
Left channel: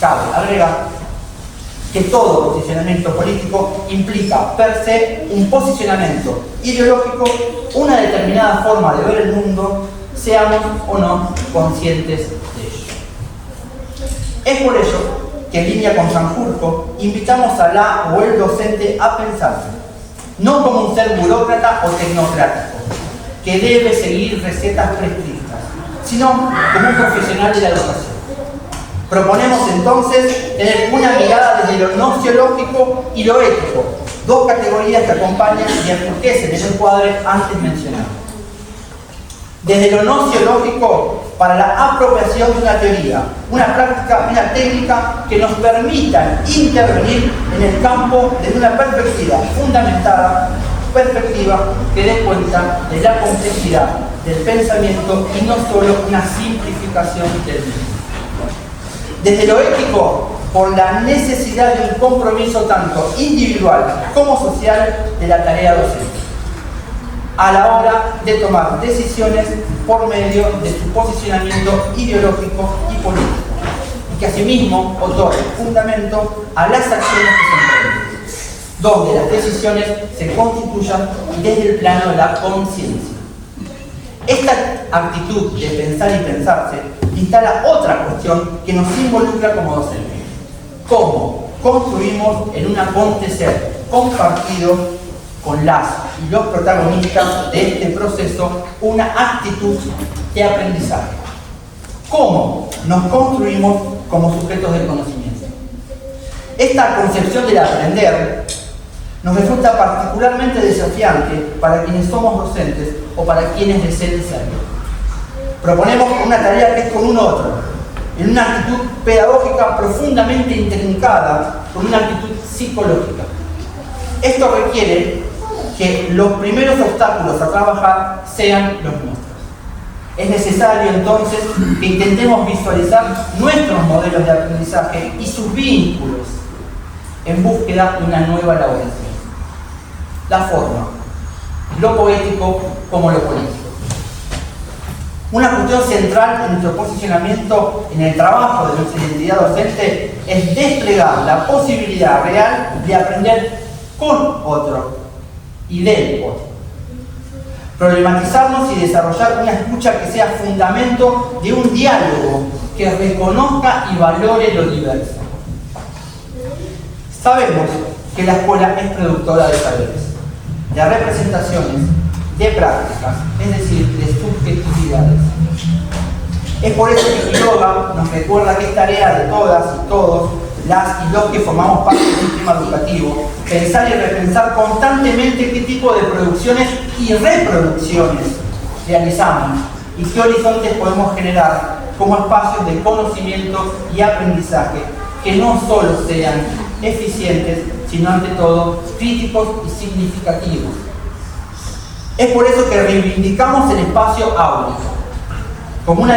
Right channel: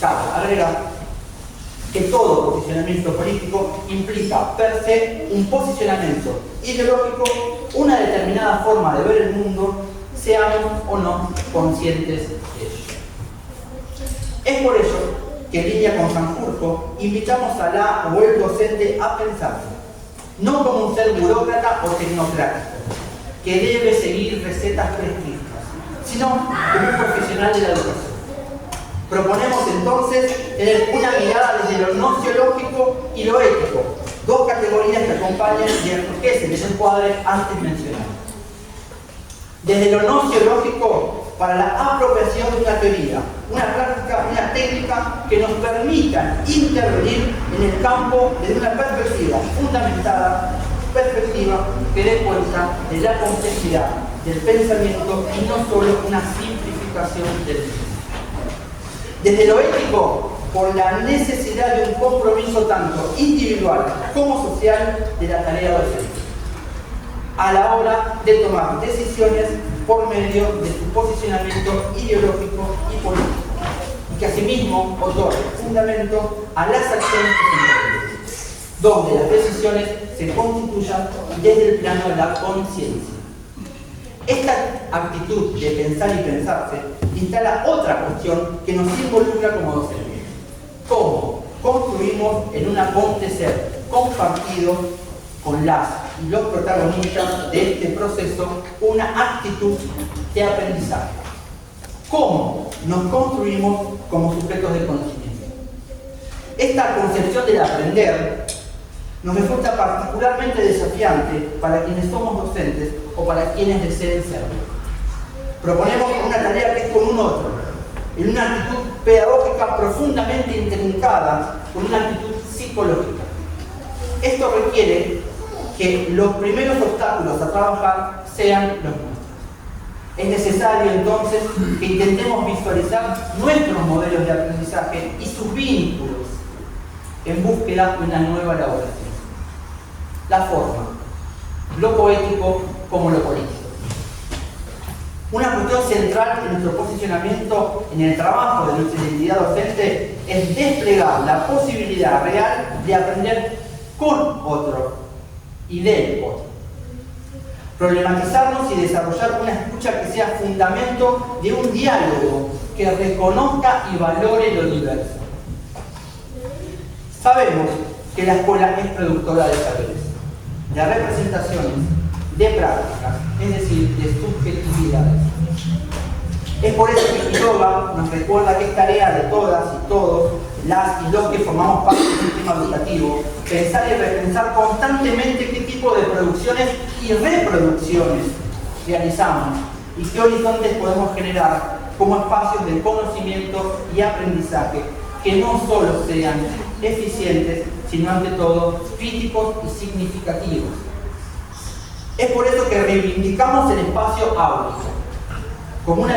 Cabe agregar que todo posicionamiento político implica per se un posicionamiento ideológico, una determinada forma de ver el mundo, seamos o no conscientes de ello. Es por ello que en línea con Sanjurjo invitamos a la o el docente a pensar, no como un ser burócrata o tecnocrático, que debe seguir recetas prescritas, sino como un profesional de la educación. Proponemos entonces tener una mirada desde lo nociológico y lo ético, dos categorías que acompañan y enriquecen el encuadre antes mencionado. Desde lo nociológico, para la apropiación de una teoría, una práctica, una técnica que nos permitan intervenir en el campo desde una perspectiva fundamentada perspectiva que dé cuenta de la complejidad del pensamiento y no solo una simplificación del mismo. Desde lo ético, por la necesidad de un compromiso tanto individual como social de la tarea docente, a la hora de tomar decisiones por medio de su posicionamiento ideológico y político, y que asimismo otorgue fundamento a las acciones que se emprenden, donde las decisiones se constituyan desde el plano de la conciencia. Esta actitud de pensar y pensarse instala otra cuestión que nos involucra como docentes. ¿Cómo construimos en un acontecer compartido con las y los protagonistas de este proceso una actitud de aprendizaje? ¿Cómo nos construimos como sujetos del conocimiento? Esta concepción del aprender nos resulta particularmente desafiante para quienes somos docentes o para quienes deseen serlo. Proponemos una tarea que es con un otro, en una actitud pedagógica profundamente intrincada, con una actitud psicológica. Esto requiere que los primeros obstáculos a trabajar sean los nuestros. Es necesario entonces que intentemos visualizar nuestros modelos de aprendizaje y sus vínculos en búsqueda de una nueva elaboración. La forma, lo poético como lo político. Una cuestión central en nuestro posicionamiento en el trabajo de nuestra identidad docente es desplegar la posibilidad real de aprender con otro y del otro. Problematizarnos y desarrollar una escucha que sea fundamento de un diálogo que reconozca y valore lo diverso. Sabemos que la escuela es productora de saberes, de representaciones, de prácticas, es decir, de subjetividades. Es por eso que Quiroga nos recuerda que es tarea de todas y todos, las y los que formamos parte del sistema educativo, pensar y repensar constantemente qué tipo de producciones y reproducciones realizamos y qué horizontes podemos generar como espacios de conocimiento y aprendizaje que no solo sean eficientes, sino ante todo críticos y significativos. Es por eso que reivindicamos el espacio áurico como una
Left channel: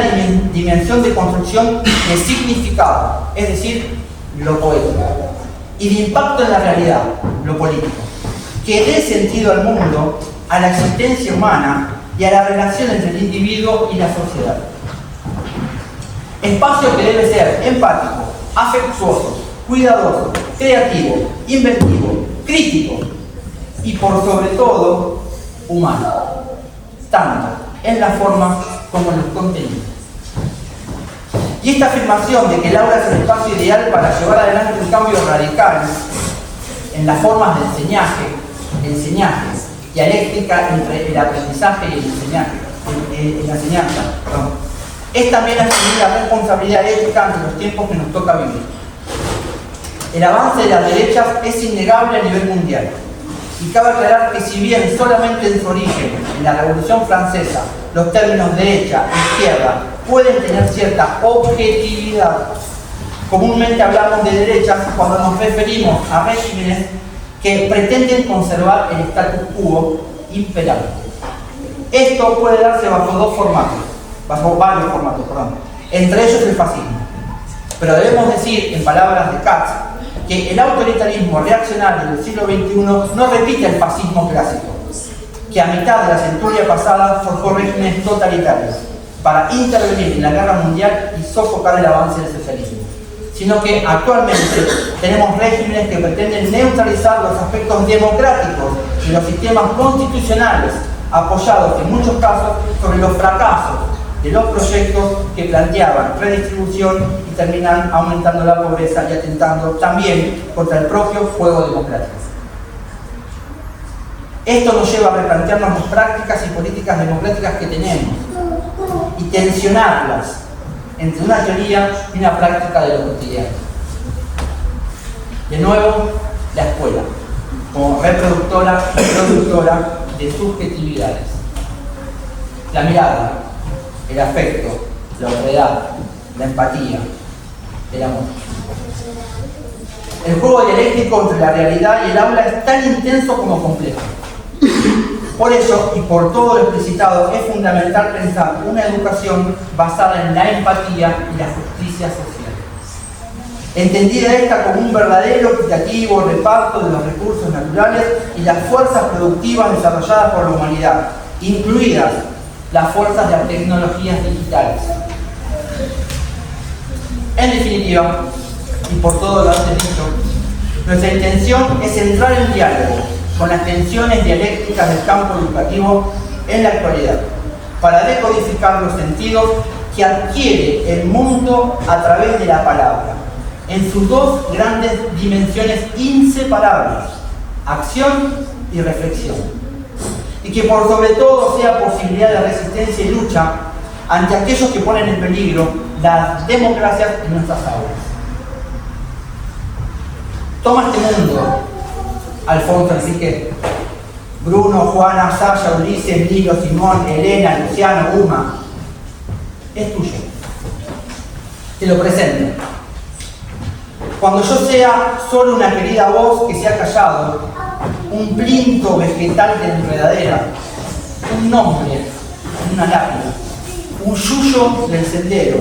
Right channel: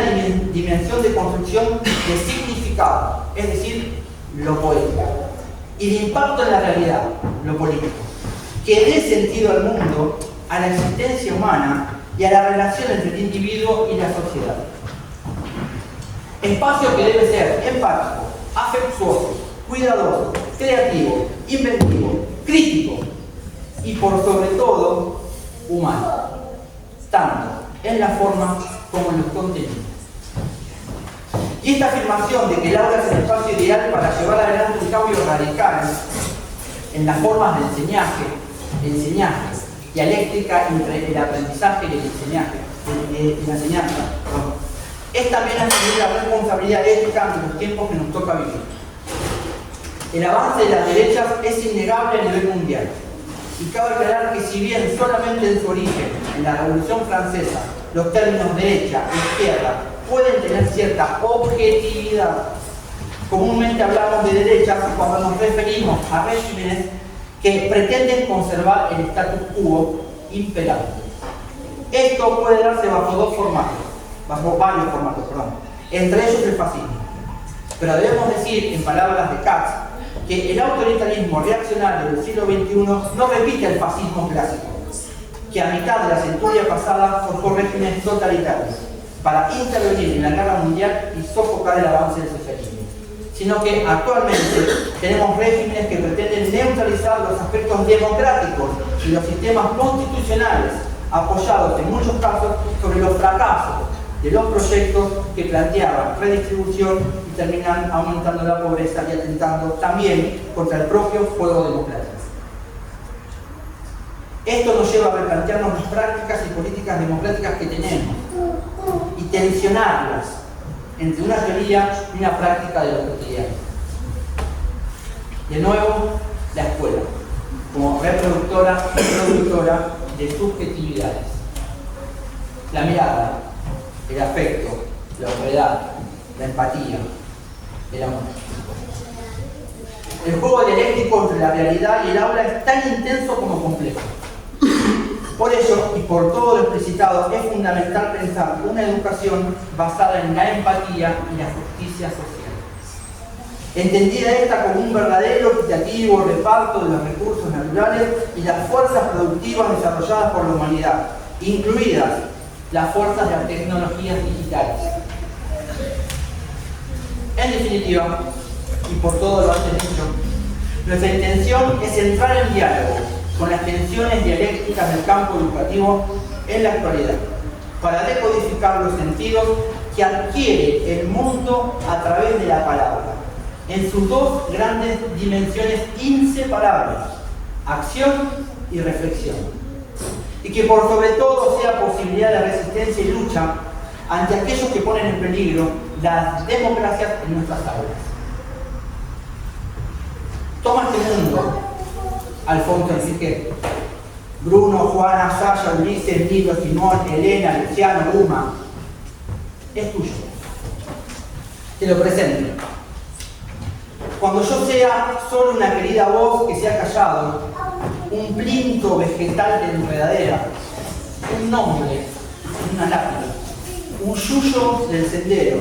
dimensión de construcción de significado, es decir, lo poético, y de impacto en la realidad, lo político, que dé sentido al mundo, a la existencia humana y a las relaciones entre el individuo y la sociedad. Espacio que debe ser empático, afectuoso, cuidadoso, creativo, inventivo, crítico y por sobre todo humano, tanto en la forma como en los contenidos. Y esta afirmación de que el aula es el espacio ideal para llevar adelante un cambio radical en las formas de enseñaje, dialéctica entre el aprendizaje y la enseñanza, es también asumir la responsabilidad ética ante los tiempos que nos toca vivir. El avance de las derechas es innegable a nivel mundial. Y cabe aclarar que si bien solamente en su origen, en la Revolución Francesa, los términos derecha e izquierda pueden tener cierta objetividad, comúnmente hablamos de derechas cuando nos referimos a regímenes que pretenden conservar el status quo imperante. Esto puede darse bajo varios formatos, entre ellos el fascismo. Pero debemos decir, en palabras de Katz, que el autoritarismo reaccionario del siglo XXI no repite el fascismo clásico, que a mitad de la centuria pasada forjó regímenes totalitarios para intervenir en la guerra mundial y sofocar el avance del socialismo, sino que actualmente tenemos regímenes que pretenden neutralizar los aspectos democráticos de los sistemas constitucionales, apoyados en muchos casos sobre los fracasos de los proyectos que planteaban redistribución y terminan aumentando la pobreza y atentando también contra el propio juego democrático. Esto nos lleva a replantearnos las prácticas y políticas democráticas que tenemos y tensionarlas entre una teoría y una práctica de lo cotidiano. De nuevo, la escuela, como reproductora y productora de subjetividades. La mirada, el afecto, la otredad, la empatía, el amor. El juego dialéctico entre la realidad y el aula es tan intenso como complejo. Por ello, y por todo lo explicitado, es fundamental pensar una educación basada en la empatía y la justicia social. Entendida esta como un verdadero equitativo reparto de los recursos naturales y las fuerzas productivas desarrolladas por la humanidad, incluidas las fuerzas de las tecnologías digitales. En definitiva, y por todo lo antes dicho, nuestra intención es entrar en diálogo con las tensiones dialécticas del campo educativo en la actualidad, para decodificar los sentidos que adquiere el mundo a través de la palabra, en sus dos grandes dimensiones inseparables, acción y reflexión, y que por sobre todo sea posibilidad de resistencia y lucha ante aquellos que ponen en peligro las democracias en nuestras aulas. Toma este mundo, Alfonso Enrique, Bruno, Juana, Sasha, Ulises, Nilo, Simón, Elena, Luciano, Uma, es tuyo. Te lo presento. Cuando yo sea solo una querida voz que se ha callado, un plinto vegetal de enredadera, un nombre, una lápida, un yuyo del sendero,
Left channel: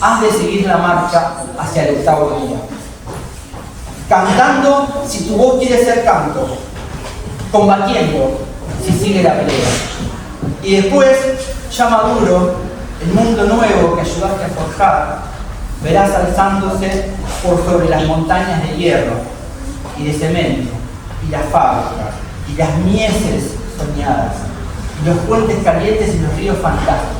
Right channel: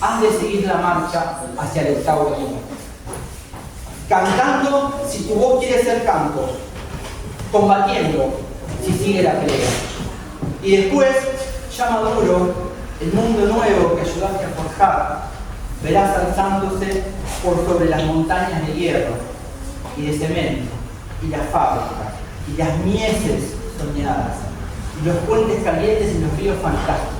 has de seguir la marcha hacia el octavo día. Cantando si tu voz quiere ser canto, combatiendo si sigue la pelea. Y después, ya maduro, el mundo nuevo que ayudaste a forjar, verás alzándose por sobre las montañas de hierro y de cemento, y las fábricas, y las mieses soñadas, y los puentes calientes y los ríos fantásticos.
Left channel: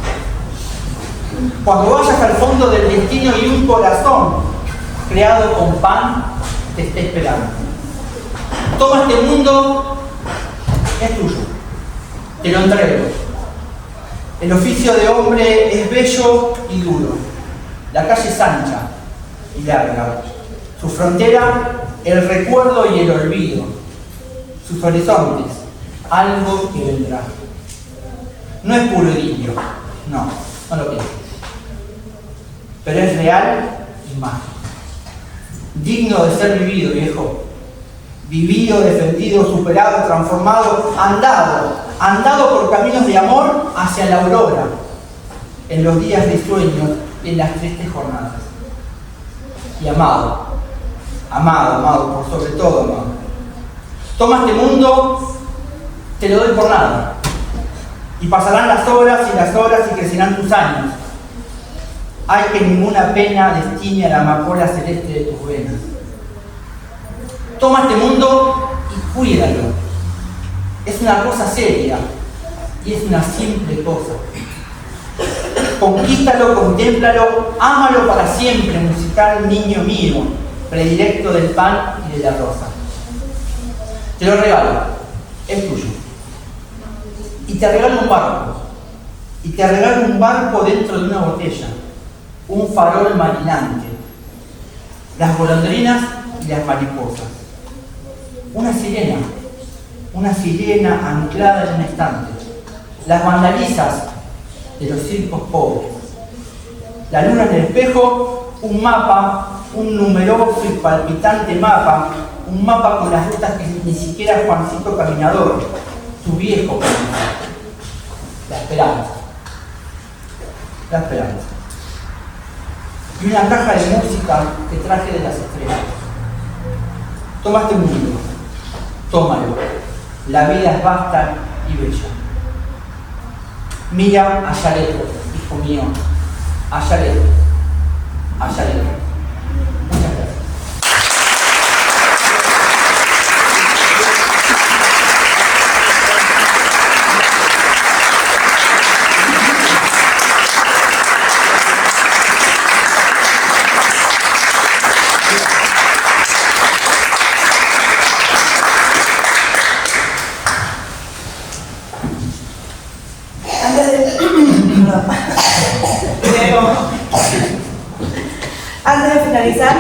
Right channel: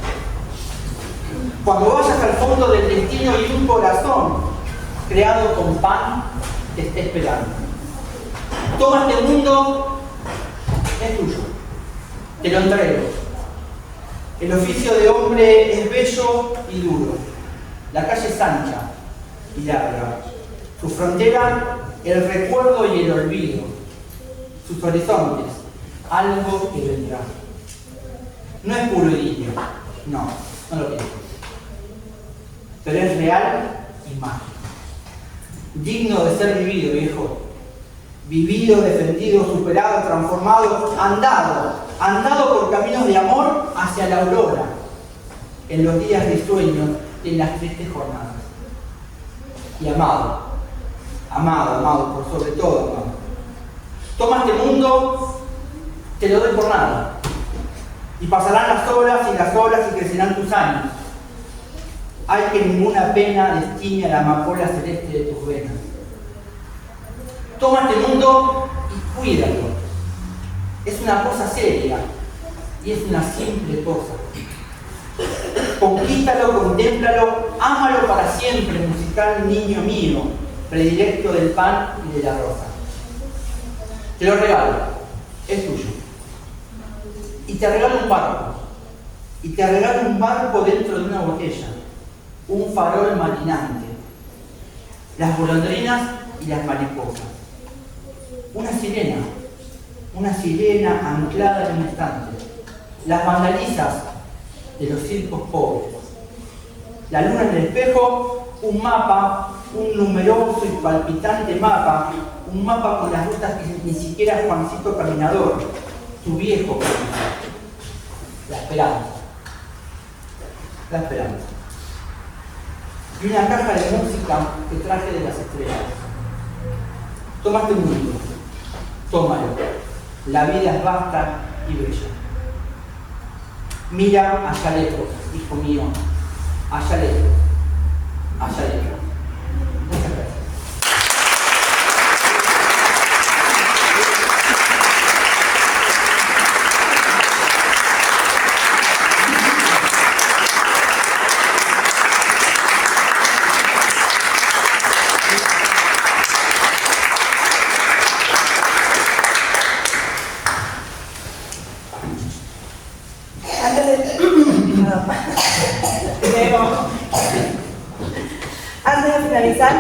Cuando vayas al fondo del destino y un corazón creado con pan te esté esperando. Toma este mundo, es tuyo, te lo entrego. El oficio de hombre es bello y duro. La calle es ancha y larga. Su frontera, el recuerdo y el olvido. Sus horizontes, algo que vendrá. No es puro idilio, no lo pienso. Pero es real y mágico. Digno de ser vivido, viejo. Vivido, defendido, superado, transformado, andado por caminos de amor hacia la aurora, en los días de sueño y en las tristes jornadas. Y amado, por sobre todo amado. Toma este mundo, te lo doy por nada. Y pasarán las horas y crecerán tus años. Hay que ninguna pena destine a la amapola celeste de tus venas. Toma este mundo y cuídalo. Es una cosa seria y es una simple cosa. Conquístalo, contémplalo, ámalo para siempre, musical niño mío, predilecto del pan y de la rosa. Te lo regalo, es tuyo. Y te regalo un barco. Y te regalo un barco dentro de una botella. Un farol marinante. Las golondrinas y las mariposas. Una sirena anclada en un estante. Las vandalizas de los circos pobres. La luna en el espejo, un mapa, un numeroso y palpitante mapa, un mapa con las rutas que ni siquiera Juancito Caminador, tu viejo caminador. La esperanza. Y una caja de música que traje de las estrellas. Toma este mundo, tómalo. La vida es vasta y bella. Mira allá lejos, hijo mío, allá lejos. Muchas gracias. Antes de finalizar,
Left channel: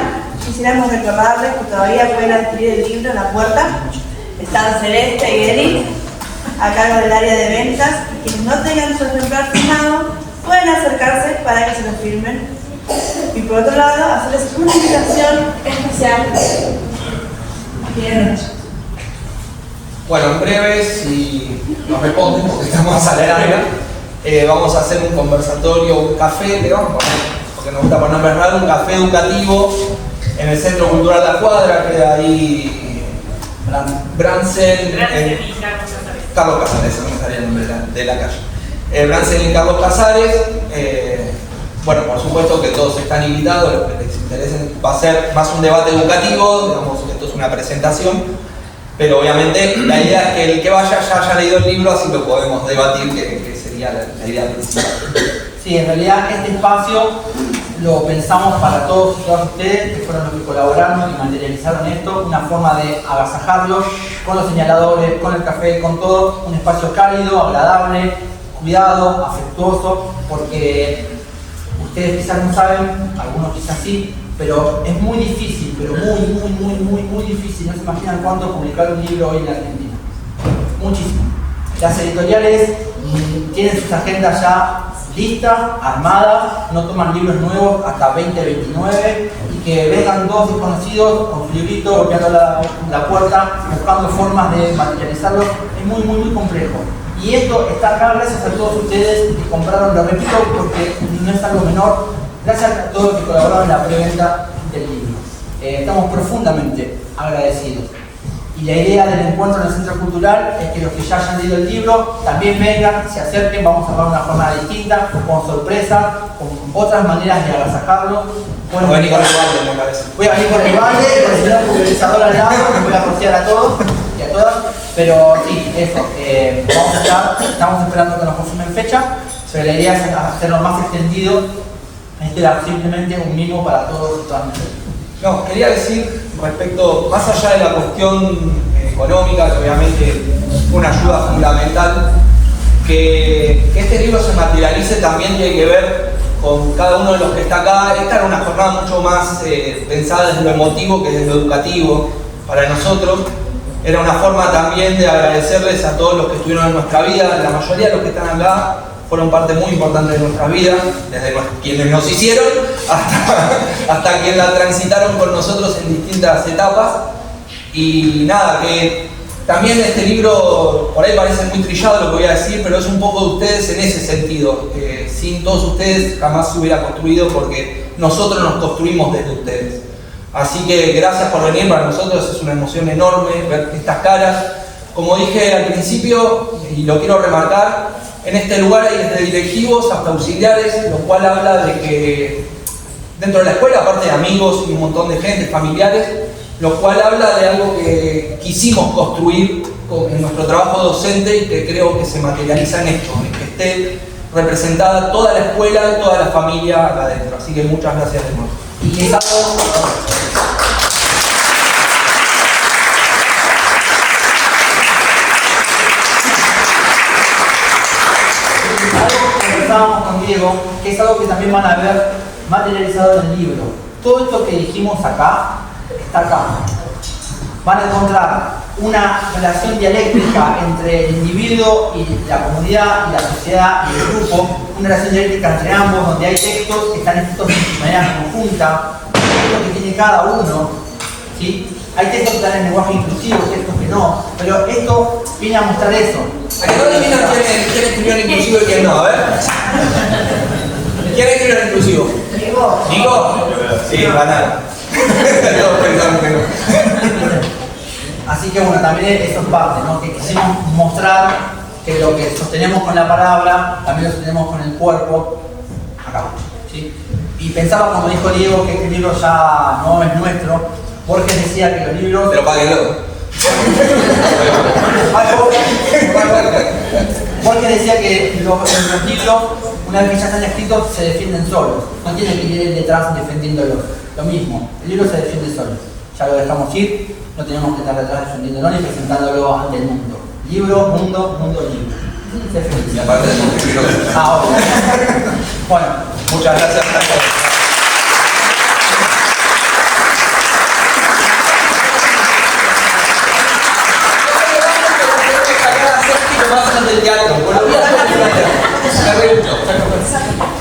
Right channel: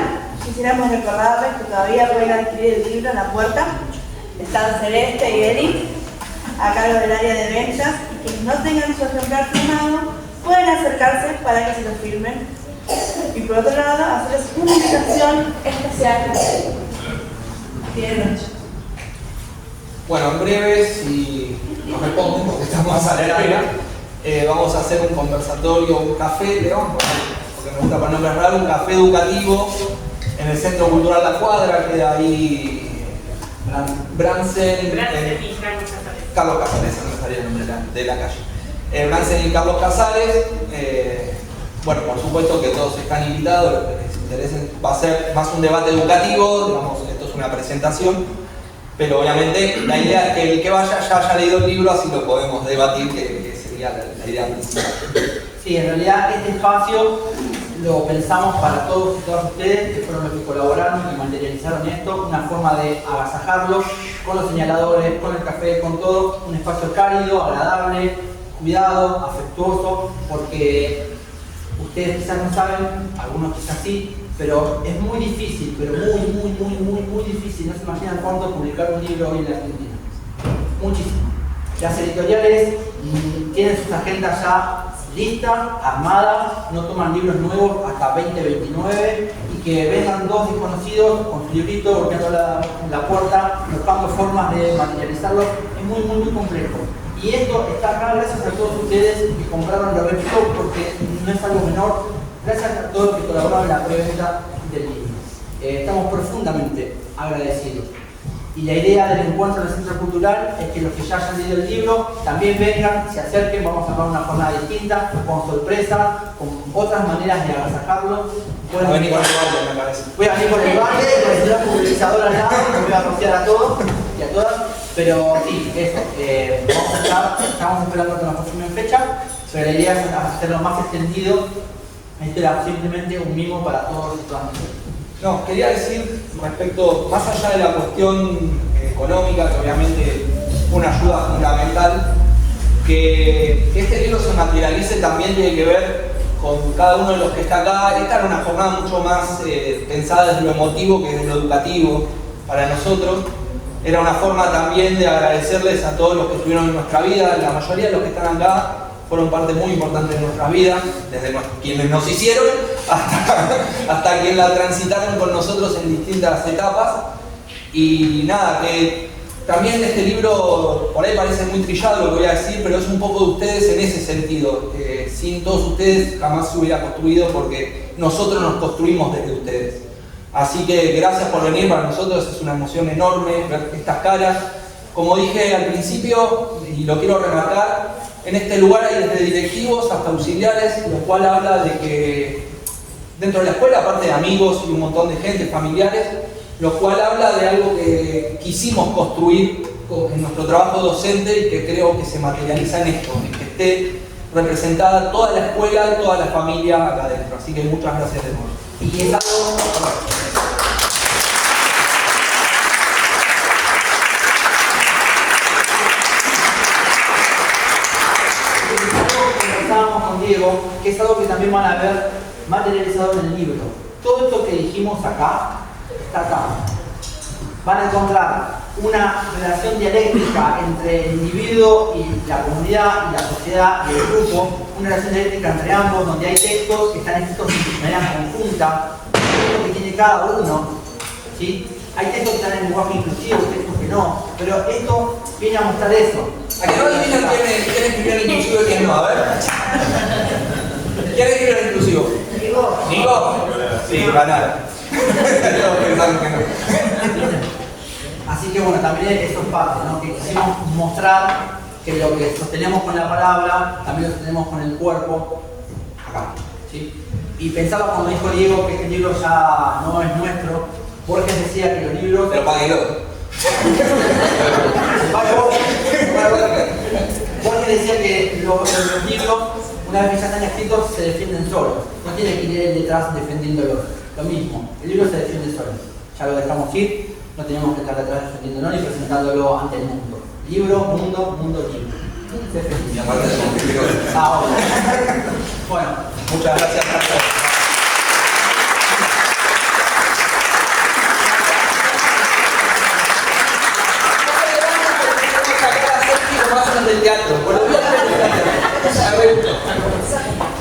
quisiéramos recordarles que todavía pueden adquirir el libro en la puerta. Están Celeste y Eli, a cargo del área de ventas, y quienes no tengan su ejemplar firmado, pueden acercarse para que se lo firmen. Y por otro lado, hacerles una invitación especial. Bien. Bueno, en breve, si nos responden, porque estamos acelerando, vamos a hacer un conversatorio, un café, porque nos gusta poner raro, un café educativo en el Centro Cultural La Cuadra, queda ahí Bransen y Carlos Casares, no me salía el nombre de la calle. Bransen y Carlos Casares, bueno, por supuesto que todos están invitados, los que les interesen, va a ser más un debate educativo, digamos, esto es una presentación, pero obviamente la idea es que el que vaya ya haya leído el libro, así lo podemos debatir, que sería la idea principal. Sí, en realidad este espacio lo pensamos para todos y todas ustedes, que fueron los que colaboraron y materializaron esto, una forma de agasajarlos con los señaladores, con el café, con todo, un espacio cálido, agradable, cuidado, afectuoso, porque ustedes quizás no saben, algunos quizás sí, pero es muy difícil, pero muy difícil, no se imaginan cuánto publicar un libro hoy en la Argentina. Muchísimo. Las editoriales tienen sus agendas ya listas, armadas, no toman libros nuevos hasta 2029 y que vengan dos desconocidos con su librito golpeando la puerta, buscando formas de materializarlo, es muy complejo. Y esto está acá gracias a todos ustedes que compraron, lo repito porque no es algo menor, gracias a todos los que colaboraron en la preventa del libro. Estamos profundamente agradecidos. Y la idea del encuentro en el Centro Cultural es que los que ya hayan leído el libro también vengan, se acerquen, vamos a armar una jornada distinta, con sorpresas, con otras maneras de agasajarlo. Voy a venir con el balde, me parece. Voy a venir con el balde, con el señor pulverizador al lado, que voy a rociar a todos y a todas. Pero sí, eso, vamos a estar, estamos esperando que nos confirmen fecha, pero la idea es hacerlo más extendido. Esto era simplemente un mimo para todos y todas nosotros. No, quería decir respecto, más allá de la cuestión económica, que obviamente fue una ayuda fundamental, que este libro se materialice también tiene que ver con cada uno de los que está acá. Esta era una jornada mucho más pensada desde lo emotivo que desde lo educativo para nosotros. Era una forma también de agradecerles a todos los que estuvieron en nuestra vida. La mayoría de los que están acá fueron parte muy importante de nuestra vida, desde quienes nos hicieron hasta quienes la transitaron con nosotros en distintas etapas. Y nada, que también este libro, por ahí parece muy trillado lo que voy a decir, pero es un poco de ustedes en ese sentido. Sin todos ustedes jamás se hubiera construido, porque nosotros nos construimos desde ustedes. Así que gracias por venir, para nosotros es una emoción enorme ver estas caras. Como dije al principio, y lo quiero remarcar, en este lugar hay desde directivos hasta auxiliares, lo cual habla de que dentro de la escuela, aparte de amigos y un montón de gente, familiares, lo cual habla de algo que quisimos construir en nuestro trabajo docente y que creo que se materializa en esto, en que esté representada toda la escuela y toda la familia acá adentro. Así que muchas gracias de nuevo. Y es algo que pensábamos con Diego, que es algo que también van a ver materializado en el libro. Todo esto que dijimos acá, está acá. Van a encontrar una relación dialéctica entre el individuo y la comunidad y la sociedad y el grupo, una relación dialéctica entre ambos, donde hay textos que están escritos de manera conjunta, textos que tiene cada uno, ¿sí? Hay textos que están en lenguaje inclusivo, textos que no, pero esto viene a mostrar eso. ¿A que no adivinan quién escribió el inclusivo y quién no? A ver. ¿Quién escribió el inclusivo? ¿Nico? Sí, banal. Todos pensamos que no. Así que bueno, también eso es parte, ¿no? Que quisimos mostrar que lo que sostenemos con la palabra, también lo sostenemos con el cuerpo, acá, ¿sí? Y pensaba cuando dijo Diego que este libro ya no es nuestro, Borges decía que los libros... Pero páguenlo. Borges decía que los libros, una vez que ya están escritos, se defienden solos. No tienen que ir él detrás defendiéndolos. Lo mismo, el libro se defiende solo. Ya lo dejamos ir, no tenemos que estar detrás defendiéndolo ni presentándolo ante el mundo. Libro, mundo, libro. Se feliz. Y aparte tenemos que escribirlo. Ahora. Bueno, Muchas gracias a todos.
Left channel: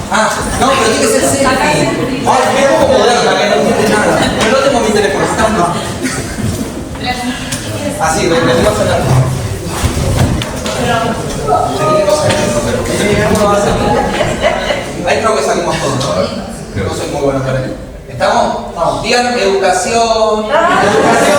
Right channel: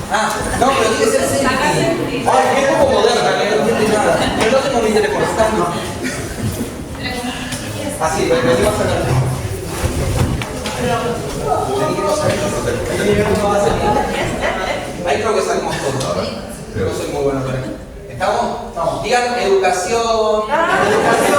Ah, no, pero tiene que ser selfie. Es como moderna, que no tiene nada. Pero no tengo mi teléfono. Así, venimos a hablar. Ahí creo que salimos todos, ¿no? Creo que soy muy bueno para ahí. ¿Estamos? Vamos. Digan educación. Educación.